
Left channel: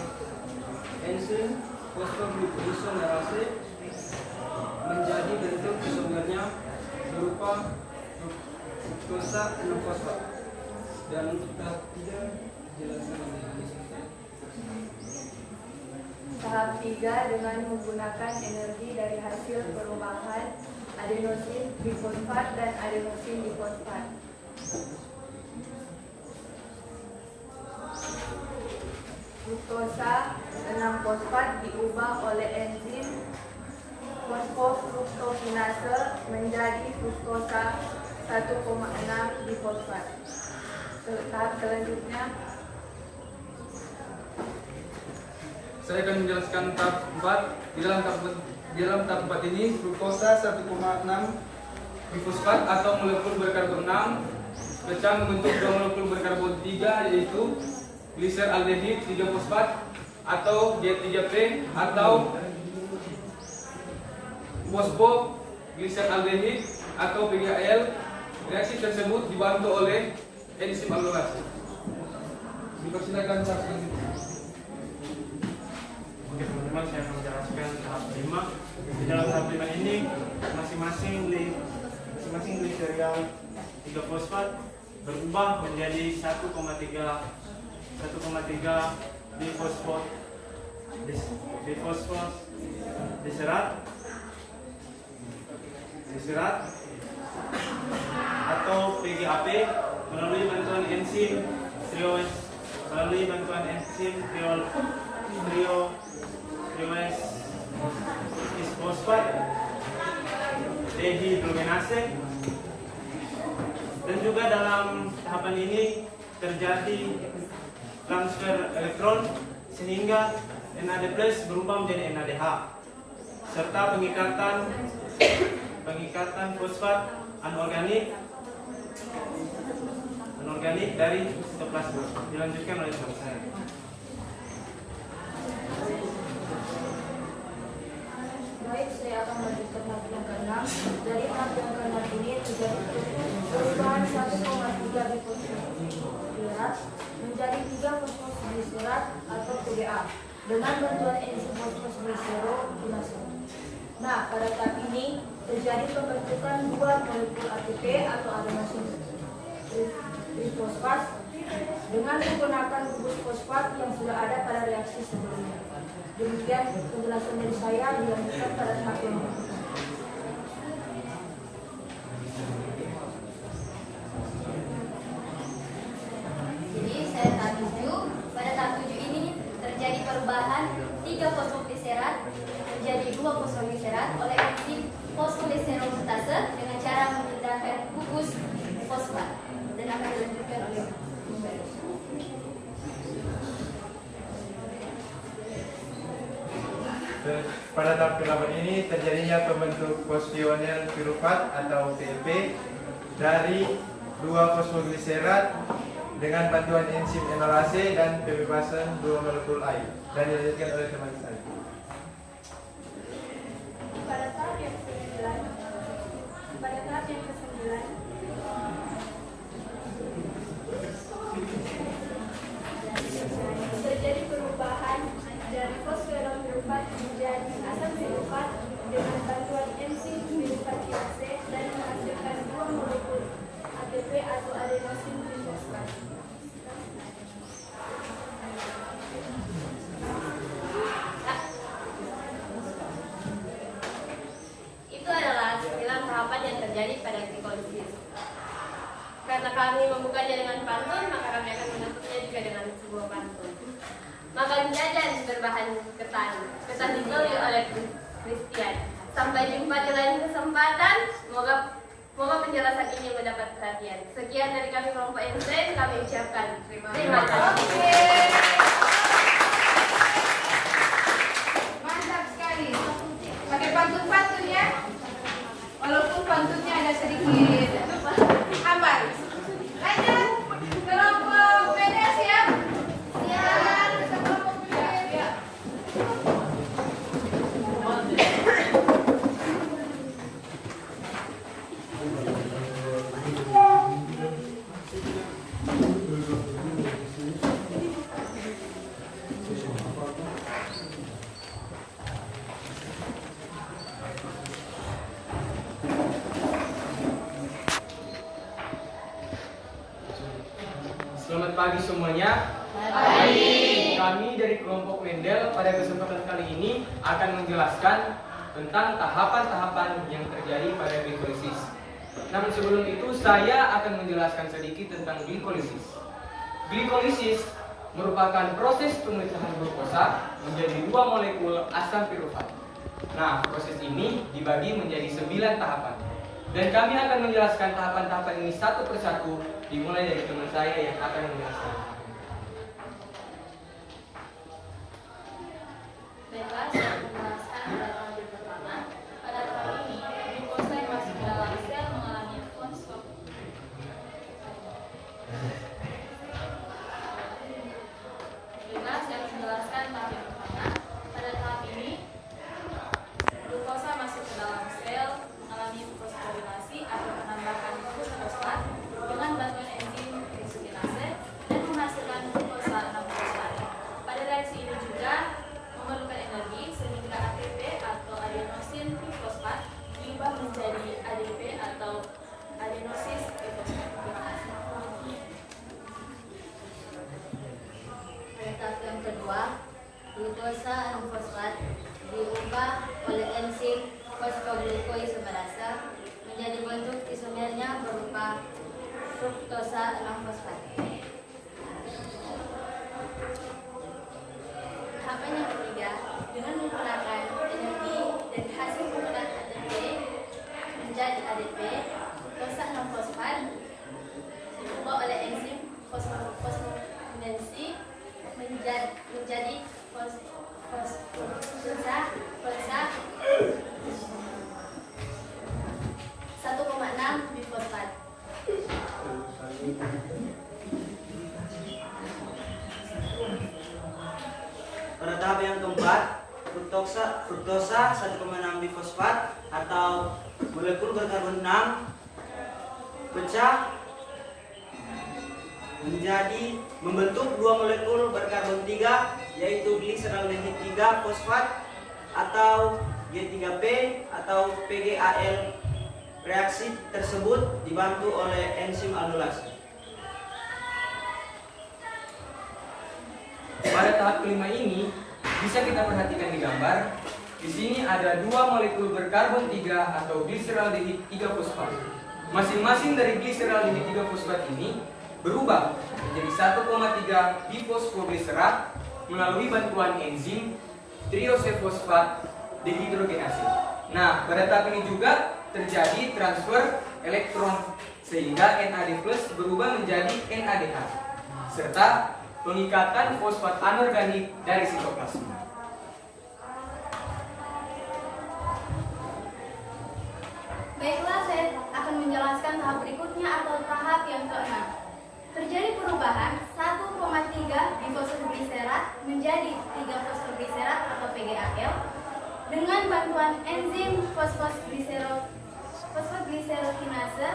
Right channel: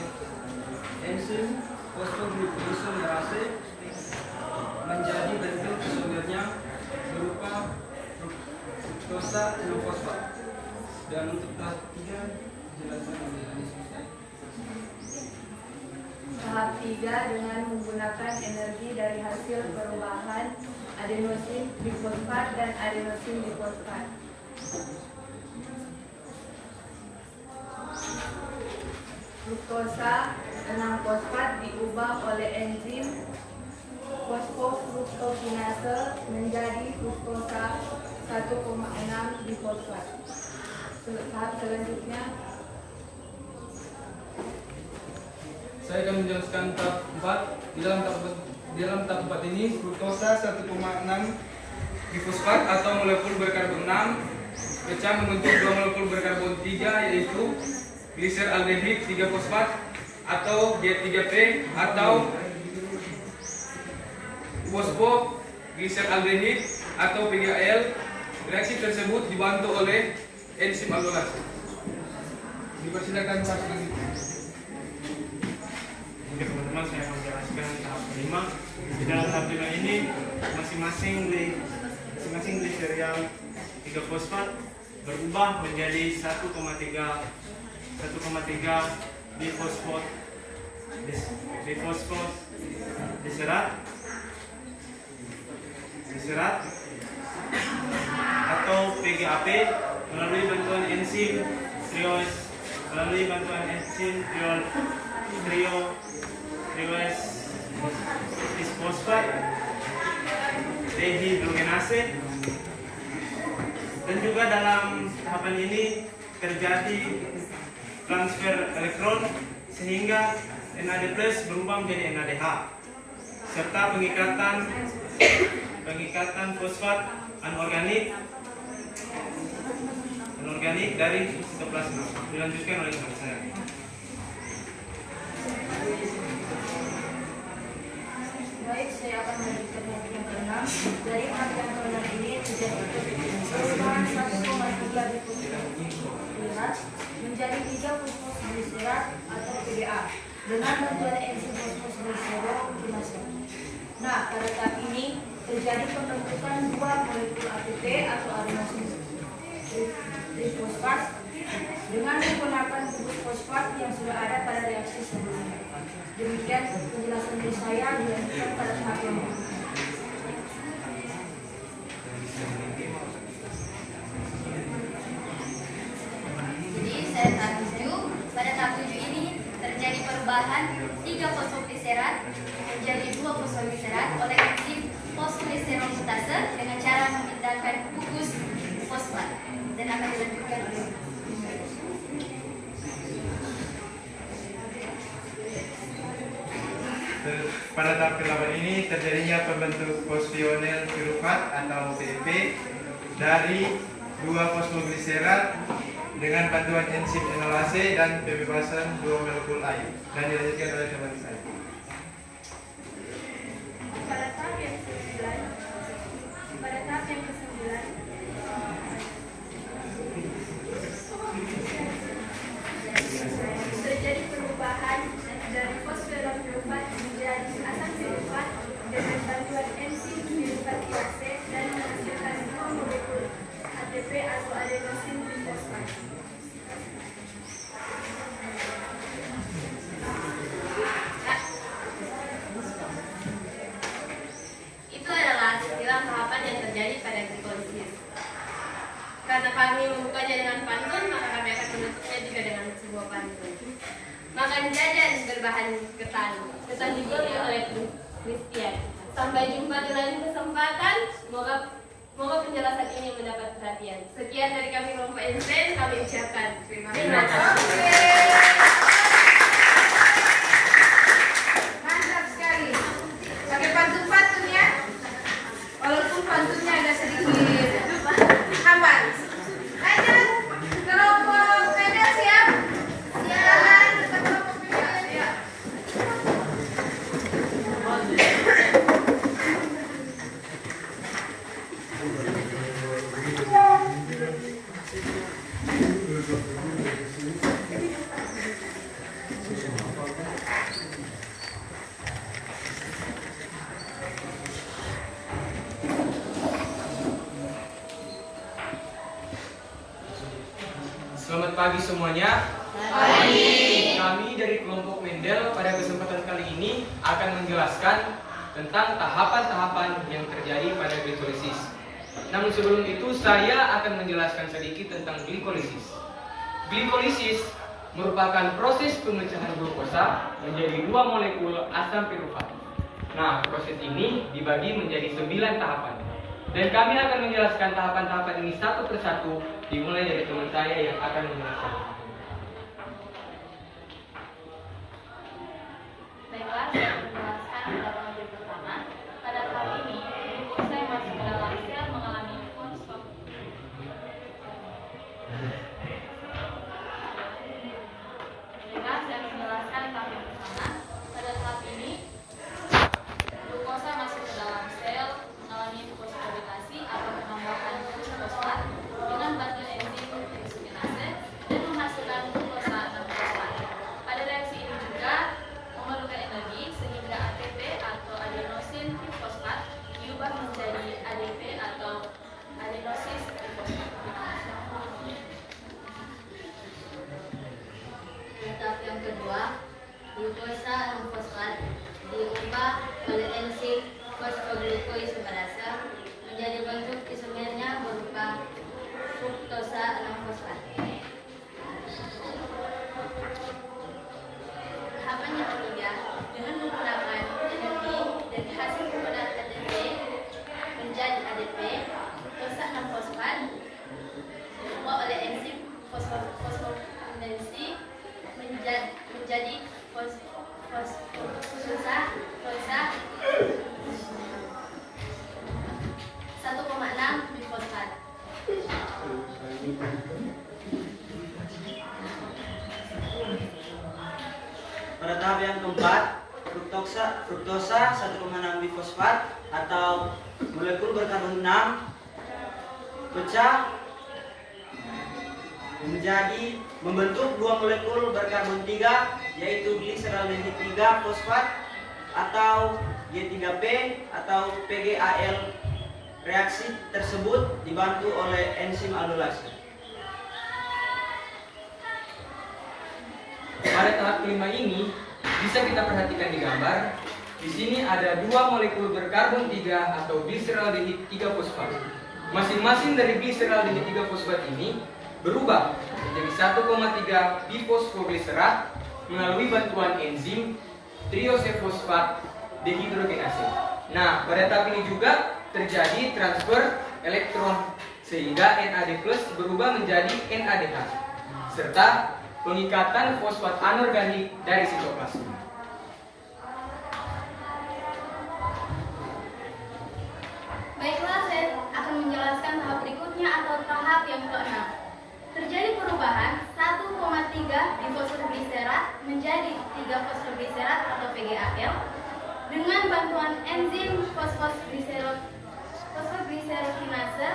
enzim fosfoglucosamerase menjadi bentuk isomernya berupa glukosa 6-fosfat. Dan untuk tahap 3 jelaskan ini selesai. Tahap 3 dengan menggunakan energi dari hasil perubahan adenosin trifosfat dan adenosin difosfat. Glukosa 6-fosfat diubah oleh enzim fosfofruktokinase menjadi glukosa 1,6 difosfat. Tahap selanjutnya saya akan menjelaskan tahap 4. Di dalam tahap 4 ini glukosa 1,6 difosfat atau molekul berkarbon 6 pecah membentuk 2 molekul berkarbon 3 yaitu gliseraldehid 3-fosfat atau D3P atau fosfoglyceraldehid atau PGAL. Reaksi tersebut dibantu oleh enzim aldolase. Dipersilakan Pak selanjutnya. Oke teman-teman, saya akan menjelaskan tahap kelima. Di dalam tahap 5 ini masing-masing gliserial 3-fosfat berubah menjadi 1,3 diserat atau PGAP melalui bantuan enzim trio-fosfat dehidrogenase. Dan juga dalam tahapan ini terjadi transfer elektron sehingga NAD+ berubah menjadi NADH serta pengikatan fosfat anorganik dari sitoplasma. Dilanjutkan oleh teman saya. Baik, saya akan melanjutkan tahap yang ke-6. Dari tahap yang ke-6 ini terjadi perubahan 1,3 difosfogliseriat menjadi 3 fosfogliseriat atau PDA dengan bantuan enzim fosfoglycerokinase. Nah, pada tahap ini terjadi pembentukan 2 molekul ATP atau adenosin trifosfat dengan menggunakan gugus fosfat yang sudah ada pada reaksi sebelumnya. Demikian penjelasan dari saya, dilanjutkan pada tahap yang berikutnya. Jadi saya tahap 7. Pada tahap 7 ini terjadi perubahan 3 fosfoglycerat menjadi 2 fosfoglycerat oleh enzim fosfoglycerokitase dengan cara memindahkan gugus fosfat dan akan dilanjutkan oleh Pada tahap ke-8 ini terjadinya pembentuk fosfionil pirufat atau PEP dari 2 fosfoglycerat dengan bantuan enzim enolase dan pembebasan 2 molekul air. Dan dilanjutkan oleh teman saya. Pada tahap yang ke-9 terjadi perubahan dari fosforil pirufat menjadi asam pirufat dengan bantuan enzim piruvatinase dan menghasilkan 2 molekul ATP atau adenosin trifosfat. kami membukanya dengan pantun, maka kami akan menutupnya juga dengan sebuah pantun. Makan jajan berbahan ketan dibeli oleh Christian. Sampai jumpa di lain kesempatan. Semoga penjelasan ini mendapat perhatian. Sekian dari kami kelompok Einstein, kami ucapkan terima kasih. Mantap sekali. Pakai pantun-pantun ya. Walaupun pantunnya agak sedikit hambar. Lanjut. Kelompok Medel siap? Siap. Kelompok Medel siap. Selamat pagi semuanya. Pagi. Kami dari kelompok Mendel pada kesempatan kali ini akan menjelaskan tentang tahapan-tahapan yang terjadi pada glikolisis. Namun sebelum itu saya akan menjelaskan sedikit tentang glikolisis. Glikolisis merupakan proses pemecahan glukosa menjadi 2 molekul asam pirufat. Nah, proses ini dibagi menjadi 9 tahapan. Dan kami akan menjelaskan tahapan-tahapan ini satu persatu, dimulai dari teman saya yang akan menjelaskan. Baiklah, saya akan menjelaskan pada tahap yang pertama. Pada tahap ini, glukosa yang masuk ke dalam sel mengalami fosforylasis. Baiklah, saya akan menjelaskan tahap yang pertama. Pada tahap ini, glukosa masuk ke dalam sel mengalami fosforilasi atau penambahan fosfat dengan bantuan enzim trisokinase dan menghasilkan glukosa 6-fosfat. Pada reaksi ini juga memerlukan energi sehingga ATP atau adenosin trifosfat diubah menjadi ADP atau adenosis trifosfat. Pada tahap yang kedua, glukosa 6-fosfat diubah oleh enzim fosfoglukoisomerase menjadi bentuk isomernya berupa fruktosa 6-fosfat. Tahapan yang ketiga, dengan menggunakan energi dan hasil penggunaan ATP menjadi ADP, fruktosa 6-fosfat diubah oleh enzim fosforinasi menjadi fosfoklukosa 1,6 bifosfat. Pada tahap yang keempat, fruktosa 1,6 bifosfat atau molekul berkarbon 6 pecah menjadi membentuk 2 molekul berkarbon 3 yaitu gliseraldehid 3 fosfat atau G3P atau PGAL. Reaksi tersebut dibantu oleh enzim aldolase. Pada tahap kelima ini bisa kita perhatikan di gambar. Di sini ada 2 molekul berkarbon 3 atau gliseraldehid 3 fosfat. Masing-masing dari gliseraldehid 3 fosfat ini berubah menjadi 1,3 bifosfoglycerat melalui bantuan enzim triosefosfat dehidrogenase. Nah, pada tahap ini juga terjadi transfer elektron sehingga NAD+ berubah menjadi NADH serta pengikatan fosfat anorganik dari sitoplasma. Baiklah, saya akan menjelaskan tahap berikutnya atau tahap yang ke-6. Terjadi perubahan 1,3 bifosfoglycerat menjadi 3 fosfoglycerat atau PGAL dengan bantuan enzim fosfoglycerokinase.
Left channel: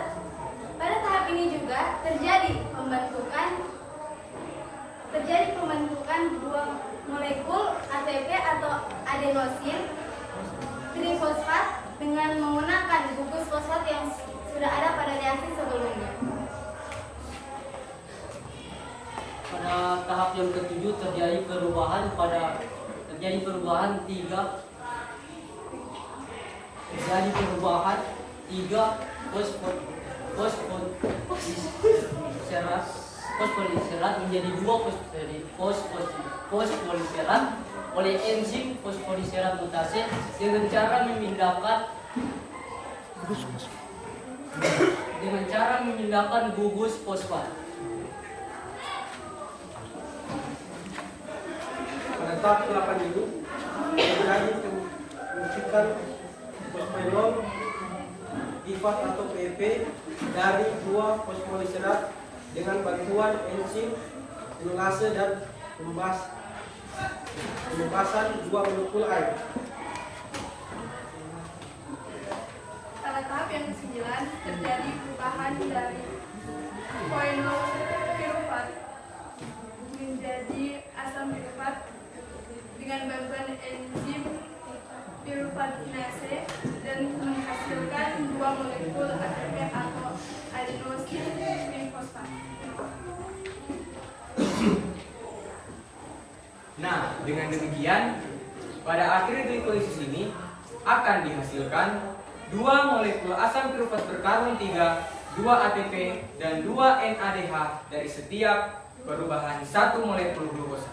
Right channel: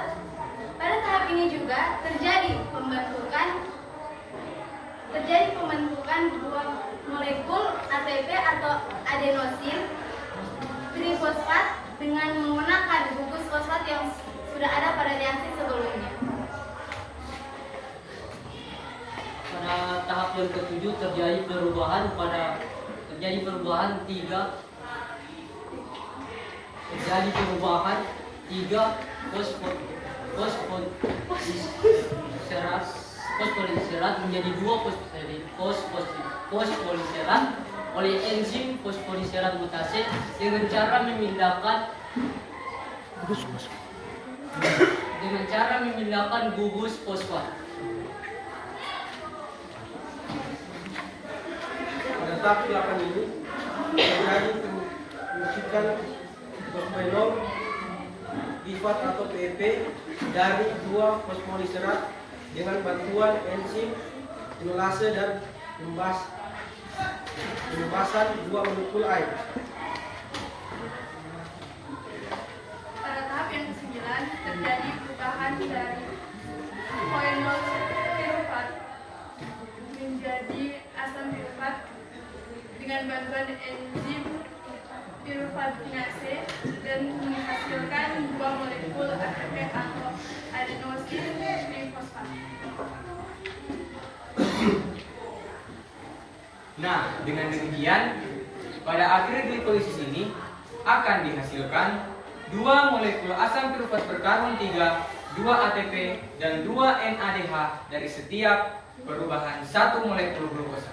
Pada tahap ini juga terjadi pembentukan 2 molekul ATP atau adenosin trifosfat dengan menggunakan gugus fosfat yang sudah ada pada reaksi sebelumnya. Pada tahap yang ketujuh terjadi perubahan 3 fosfat fosfoliserat menjadi dua fosfoliserat oleh enzim fosfoliserat mutase dengan cara memindahkan gugus fosfat. Pada tahap 8 ini terjadi penyuntikan fosfenol bifat atau PEP dari dua fosfoliserat dengan bantuan enzim inulase dan pembasahan 2 molekul air. Pada tahap yang ke-9 terjadi perubahan dari koenol pirufat menjadi asam pirufat dengan bantuan enzim piruvatinase dan menghasilkan 2 molekul ATP atau adenosin trifosfat. Nah, dengan demikian, pada akhir glikolisis ini akan dihasilkan 2 molekul asam pirufat berkarbon 3, 2 ATP, dan 2 NADH dari setiap perubahan 1 molekul glukosa.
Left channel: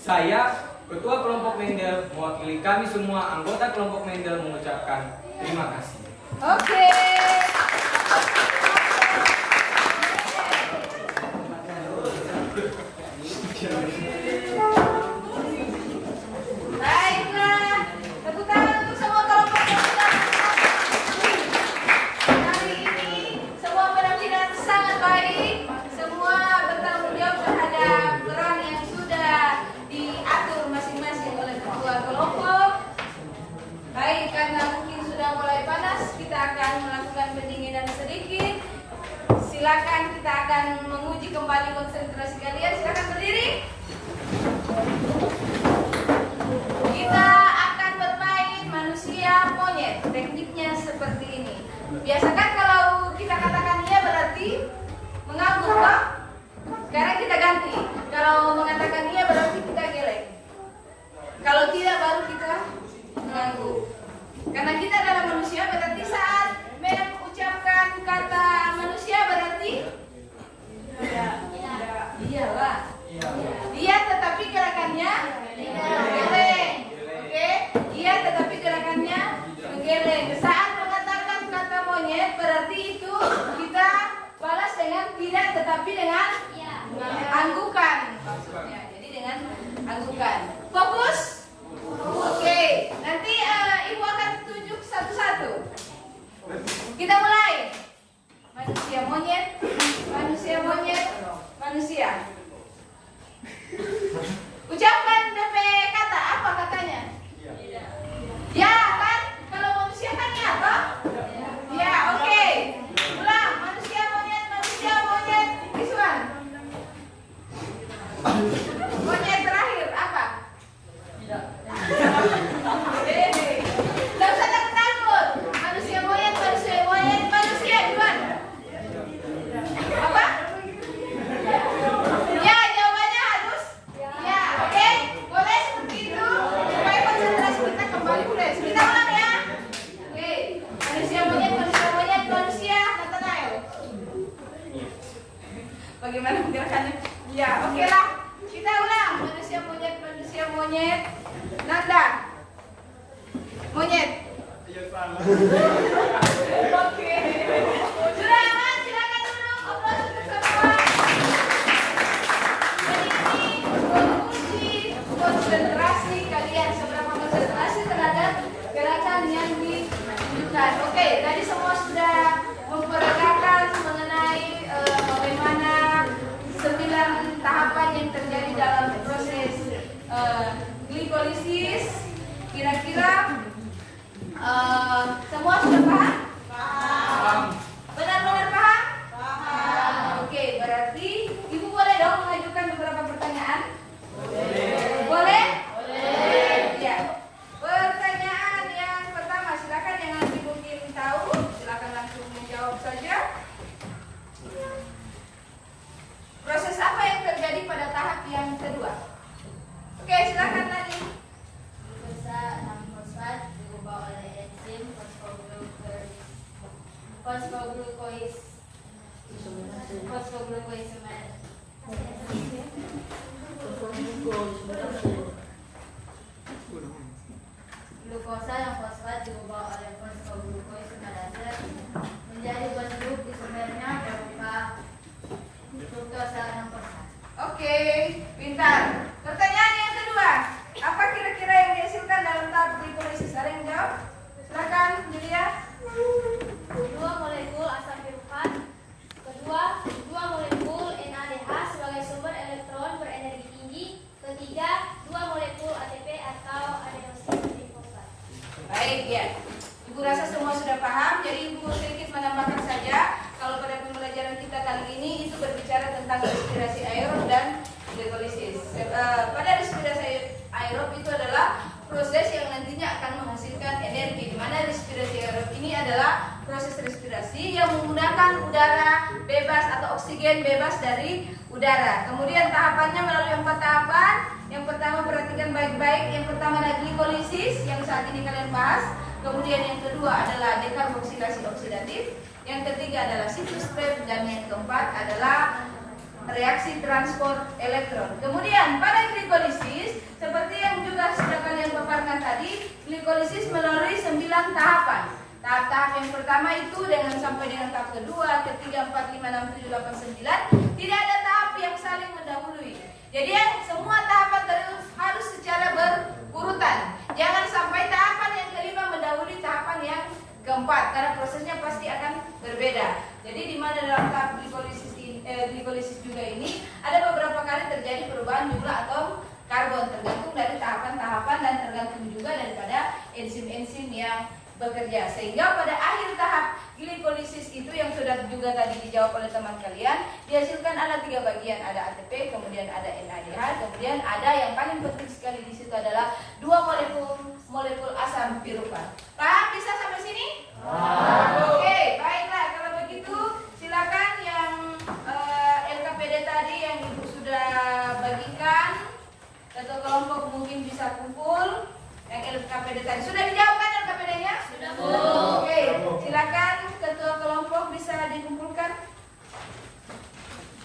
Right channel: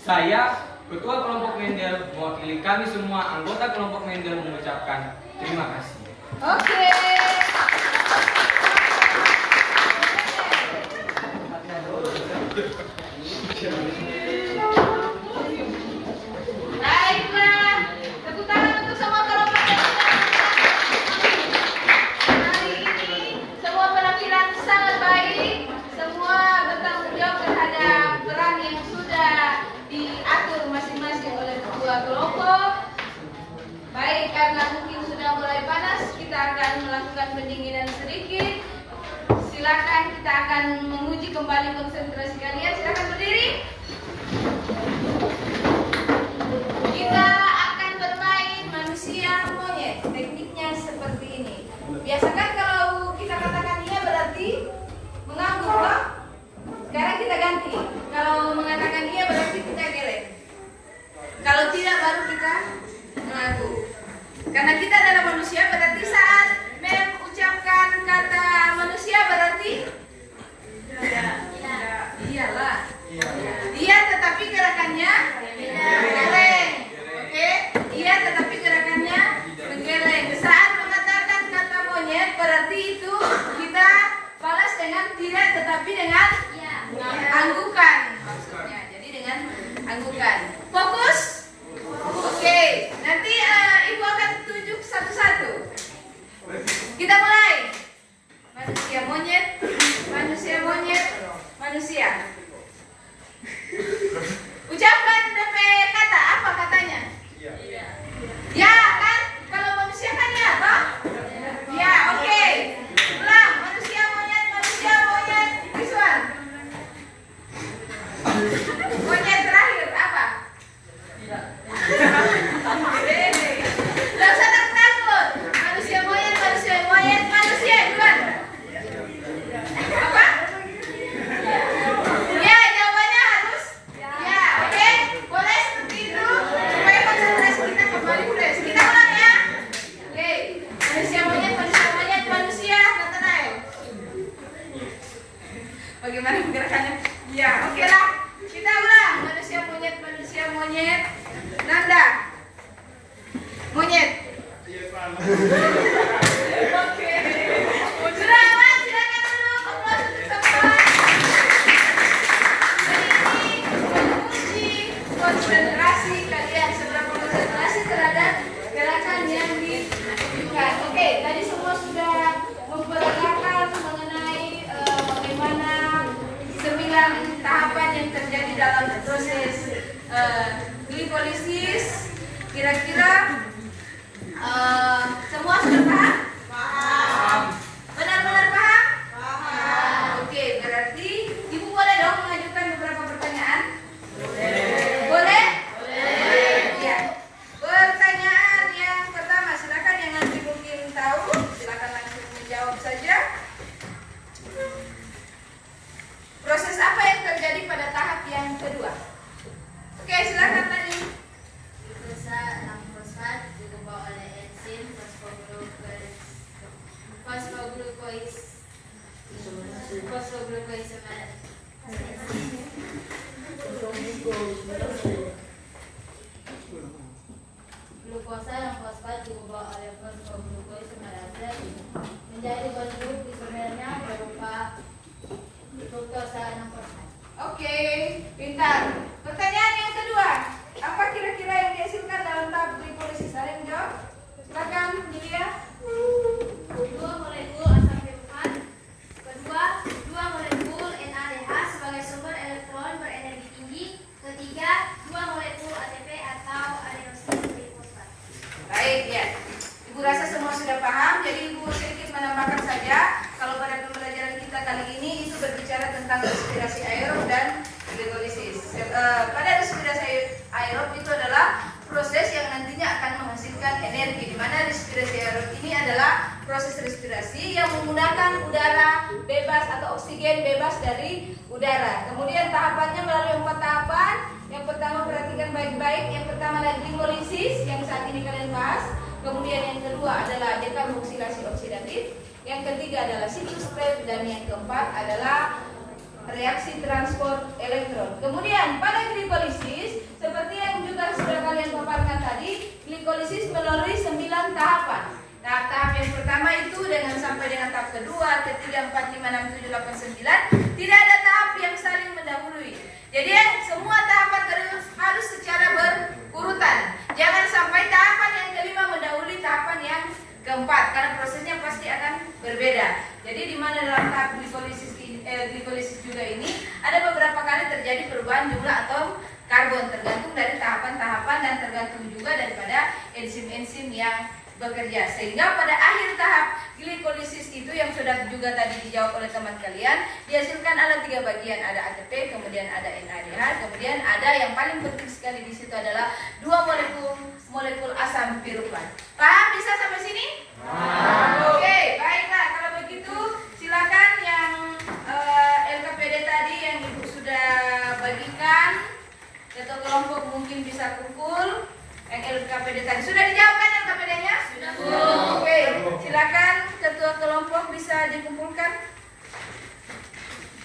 Saya, Ketua Kelompok Mendel, mewakili kami semua anggota Kelompok Mendel mengucapkan terima kasih. Oke. Baiklah, tepuk tangan untuk semua kelompok yang sudah hari ini. Semua penampilan sangat baik, semua bertanggung jawab terhadap peran yang sudah diatur masing-masing oleh ketua kelompok. Baik, karena mungkin sudah mulai panas, kita akan melakukan pendinginan sedikit. Silakan, kita akan menguji kembali konsentrasi kalian. Silakan berdiri. Kita akan bermain manusia monyet. Tekniknya seperti ini. Biasa kan kalau kita katakan iya berarti mengangguk, toh? Sekarang kita ganti. Kalau mengatakan iya berarti kita geleng. Kalau tidak baru kita mengangguk. Karena kita adalah manusia, berarti saat mengucapkan kata manusia berarti iyalah. Iya, tetapi gerakannya menggeleng. Oke? Iya, tetapi gerakannya menggeleng. Saat mengatakan kata monyet berarti itu kita balas dengan tidak, tetapi dengan anggukan maksudnya. Jadi dengan anggukan. Fokus. Oke. Nanti ibu akan tunjuk satu-satu. Kita mulai. Manusia monyet, manusia monyet, manusia. Ucapkan DP kata, apa katanya? Ya kan? Kalau manusia kan ya, toh? Ya, oke. Ulang, manusia monyet, this one. Monyet terakhir, apa? Tidak usah takut. Manusia monyet, manusia, gimana? Apa? Ya, jawabannya harus ya, oke? Boleh seperti itu supaya konsentrasi kita kembali fresh. Kita ulang ya. Oke, manusia monyet, manusia, Nathanael. Bagaimana gerakannya? Ya, oke lah. Kita ulang. Manusia monyet, Nanda. Monyet. Oke. Sudah aman, silakan duduk. Aplaus untuk semua. Jadi ini menguji konsentrasi kalian, seberapa konsentrasi terhadap gerakan yang ditunjukkan. Oke, tadi semua sudah memperagakan mengenai bagaimana 9 tahapan yang terjadi dalam proses glikolisis. Kira-kira semua sudah paham? Paham. Benar-benar paham? Paham. Oke, berarti ibu boleh dong mengajukan beberapa pertanyaan? Boleh? Boleh. Ya. Pertanyaan yang pertama, silakan yang nanti mungkin tahu, silakan langsung menjawab saja. Proses apa yang terjadi pada tahap yang kedua? Oke, silakan tadi. Glukosa 6 fosfat diubah oleh enzim fosfoglukois Fosfoglucoisomer. Glukosa yang fosfat diubah oleh fosfoglucoisomerase menjadi bentuk isomernya berupa fruktosa 6%. Oke, pintar. Pertanyaan yang kedua, apa kira-kira yang dihasilkan dalam tahap glikolisis? Ada yang jawab? Silakan, Julia. 2 molekul asam pirufat. Kedua, 2 molekul NADH sebagai sumber elektron berenergi tinggi. Ketiga, 2 molekul ATP atau adenosin trifosfat. Baik, ya. Ibu rasa semua sudah paham, jadi Ibu sedikit menambahkan saja. Kalau pada pembelajaran kita kali ini itu berbicara tentang respirasi aerob dan glikolisis. Pada respirasi aerob itu adalah proses yang nantinya akan menghasilkan energi, di mana respirasi aerob ini adalah proses respirasi yang menggunakan udara bebas atau oksigen bebas dari udara. Kemudian tahapannya melalui 4 tahapan. Yang pertama perhatikan baik-baik. Yang pertama adalah glikolisis yang saat ini kalian bahas. Kemudian yang kedua adalah dekarboksilasi oksidatif. Yang ketiga adalah sitostep dan yang keempat adalah reaksi transport elektron. Kemudian pada glikolisis seperti yang juga sudah kalian paparkan tadi, glikolisis melalui 9 tahapan. Tahap-tahap yang pertama itu sampai dengan tahap kedua, ketiga, 4, 5, 6, 7, 8, 9. Tidak ada tahap yang saling mendahului. Jadi semua tahapan harus secara berurutan. Jangan sampai tahapan yang kelima mendahului tahapan yang keempat, karena prosesnya pasti akan berbeda. Jadi di mana dalam tahap glikolisis juga ini ada beberapa kali terjadi perubahan jumlah atom karbon tergantung dari tahapan-tahapan dan tergantung juga daripada enzim-enzim yang bekerja. Sehingga pada akhir tahap glikolisis itu yang sudah juga tadi dijawab oleh teman kalian, dihasilkan ada 3 bagian, ada ATP, kemudian ada NADH, kemudian ada yang paling penting sekali di situ adalah 2 molekul asam pirufat. Paham bisa sampai sini? Oke, baiklah. Kalau begitu silakan yang LKPD tadi yang Ibu sudah bagikan atau kelompok mungkin bisa kumpul. Yang LKPD tadi sudah dijawab kan LKPD-nya? Sudah. Oke, silakan ketua kelompok bisa dikumpulkan.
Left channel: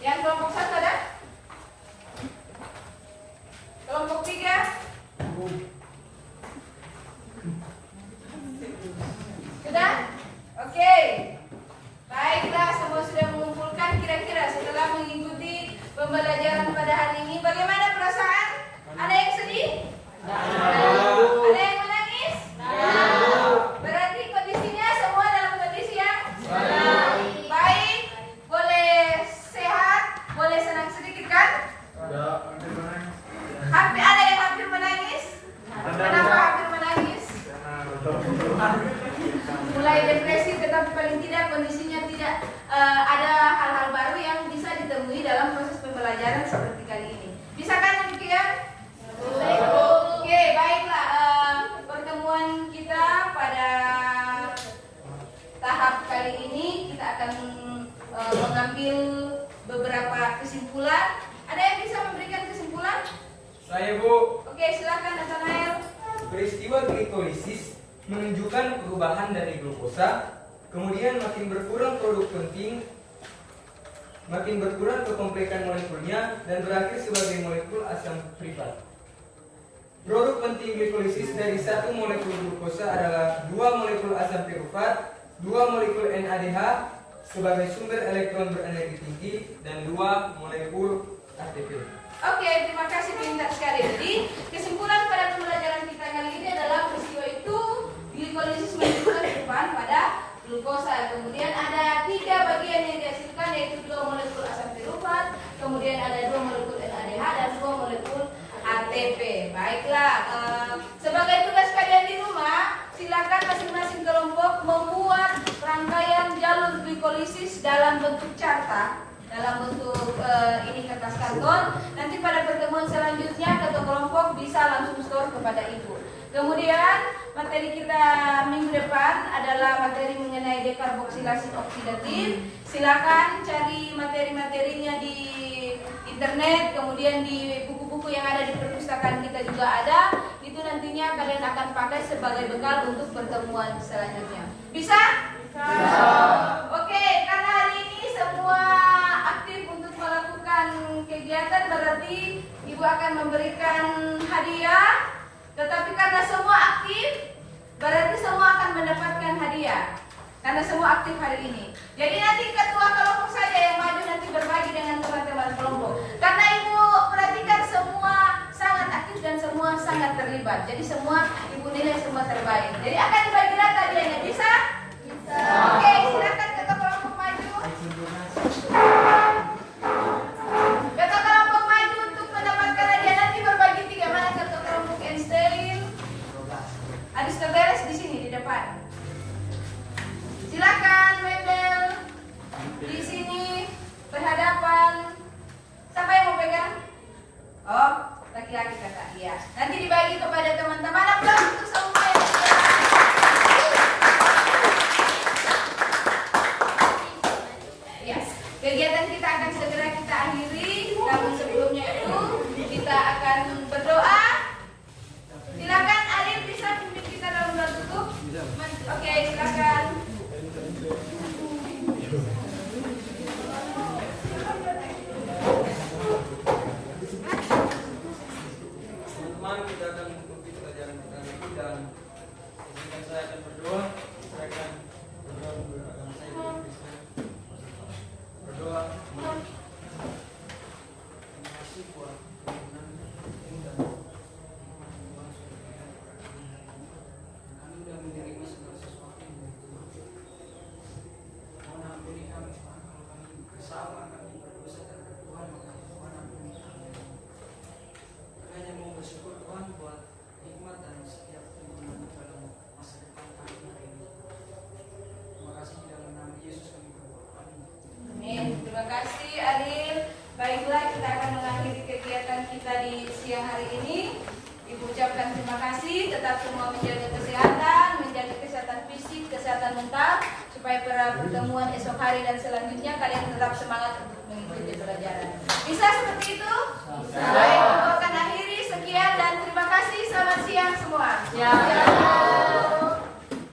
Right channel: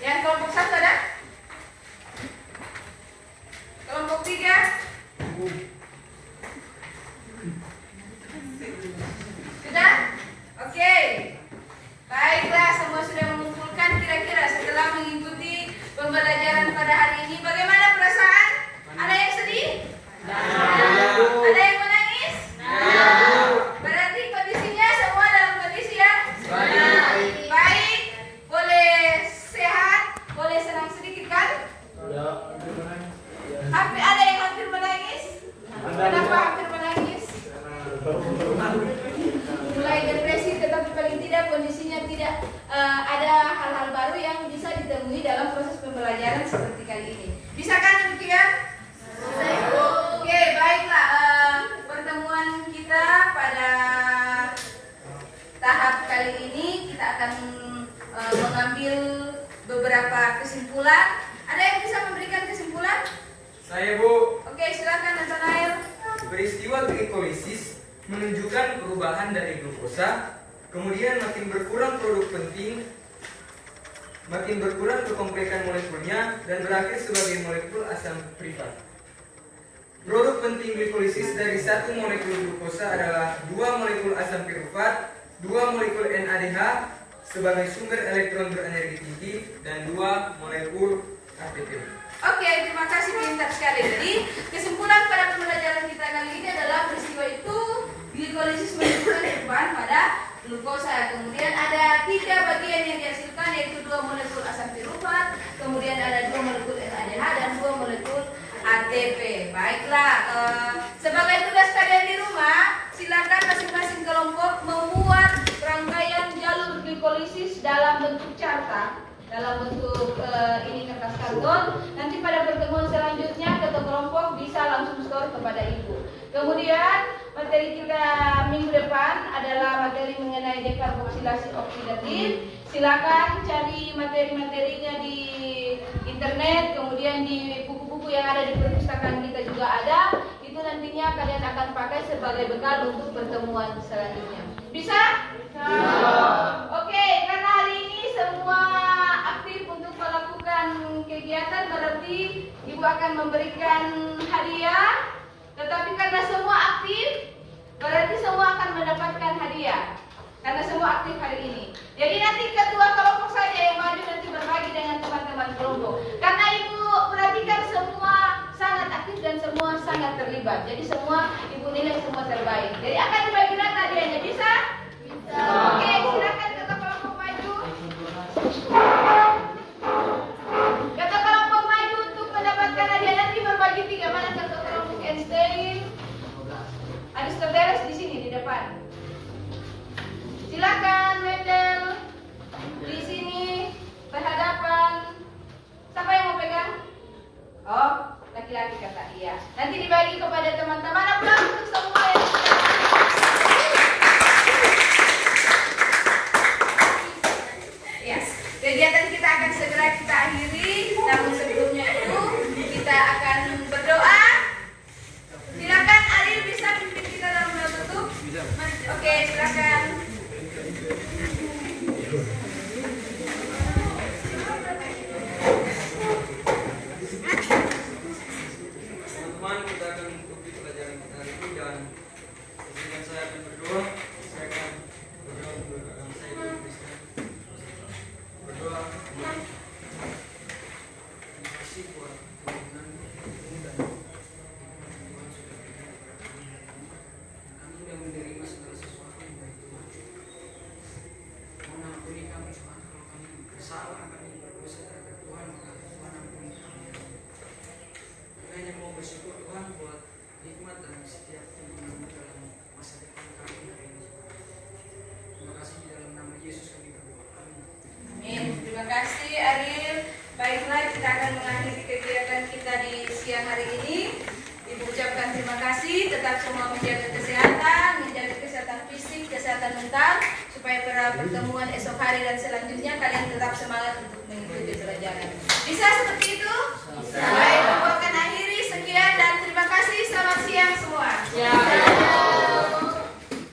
Yang kelompok 1 ada? Kelompok 3? Sudah? Oke. Baiklah, semua sudah mengumpulkan. Kira-kira setelah mengikuti pembelajaran pada hari ini, bagaimana perasaan? Ada yang sedih? Ada yang menangis? Berarti kondisinya semua dalam kondisi yang baik. Boleh sehat, boleh senang sedikit kan? Ada yang hampir menangis? Kenapa hampir menangis? Mulai depresi, tetapi paling tidak kondisinya tidak ada hal-hal baru yang bisa ditemui dalam proses pembelajaran seperti kali ini. Bisa kan demikian? Oke, baiklah. Pertemuan kita pada tahap kali ini kita akan mengambil beberapa kesimpulan. Ada yang bisa memberikan kesimpulan? Saya, Bu. Oke, silakan Nathanael. Peristiwa glikolisis menunjukkan perubahan dari glukosa, kemudian makin berkurang produk penting, makin berkurang kekomplekan molekulnya, dan berakhir sebagai molekul asam pirufat. Produk penting glikolisis dari 1 molekul glukosa adalah 2 molekul asam pirufat, 2 molekul NADH sebagai sumber elektron berenergi tinggi, dan 2 molekul ATP. Oke, terima kasih, pintar sekali. Jadi kesimpulan pada pembelajaran kita kali ini adalah peristiwa itu glikolisis menunjukkan perubahan pada glukosa. Kemudian ada 3 bagian yang dihasilkan, yaitu 2 molekul asam pirufat, kemudian ada 2 molekul NADH dan 2 molekul ATP. Baiklah, sebagai tugas kalian di rumah, silakan masing-masing kelompok membuat rangkaian jalur glikolisis dalam bentuk carta, dalam bentuk ini kertas karton. Nanti pada pertemuan selanjutnya ketua kelompok bisa langsung store kepada ibu. Kemudian materi kita minggu depan adalah materi mengenai dekarboksilasi oksidatif. Silakan cari materi-materinya di internet, kemudian di buku-buku yang ada di perpustakaan kita juga ada. Itu nantinya kalian akan pakai sebagai bekal untuk pertemuan selanjutnya. Bisa? Bisa. Oke, karena hari ini semua Ibu akan memberikan hadiah, tetapi karena semua aktif, berarti semua akan mendapatkan hadiah. Karena semua aktif hari ini. Jadi nanti ketua kelompok saja yang maju nanti berbagi dengan teman-teman kelompok. Karena Ibu perhatikan semua sangat aktif dan semua sangat terlibat. Jadi semua Ibu nilai semua terbaik. Jadi akan dibagi rata hadiahnya. Bisa? Bisa. Oke, silakan ketua kelompok maju. Ketua kelompok maju untuk mendapatkan hadiah nanti berbagi 3. Mana ketua kelompok Einstein? Aristoteles di sini di depan. Silakan Mendel di sini berhadapan. Siapa yang mau pegang? Oh, laki-laki kata iya. Nanti dibagi kepada teman-teman. Aplaus untuk semua yang yes. Kegiatan kita akan segera kita akhiri. Namun sebelumnya itu kita akan berdoa. Silakan Arif bisa pimpin kita dalam doa tutup. Oke, silakan. Teman-teman, kita akan mengikuti pelajaran kita nanti dalam izinkan saya akan berdoa. Saya akan berdoa untuk agama saya dan Kristen. Berdoa. Terima kasih buat kemenangan dan Tuhan sudah berikan kepada kami. Kami sudah menerima segala sesuatu yang dari Tuhan. Mohon ampuni kami Tuhan kalau kami bersalah, kami berdosa terhadap Tuhan, maka Tuhan ampuni kami. Kami hanya mau bersyukur Tuhan buat nikmat dan setiap pertemuan dalam masa depan kami hari ini. Terima kasih di dalam nama Yesus kami berdoa. Amin. Amin. Terima kasih Ariel. Baiklah, kita akan mengakhiri kegiatan kita di siang hari ini. Ibu ucapkan terima kasih. Tetap semua menjaga kesehatan fisik, kesehatan mental, supaya pada pertemuan esok hari dan selanjutnya kalian tetap semangat untuk mengikuti pelajaran. Bisa seperti itu? Bisa. Baik, aku akan akhiri. Sekian dan terima kasih. Selamat siang semua.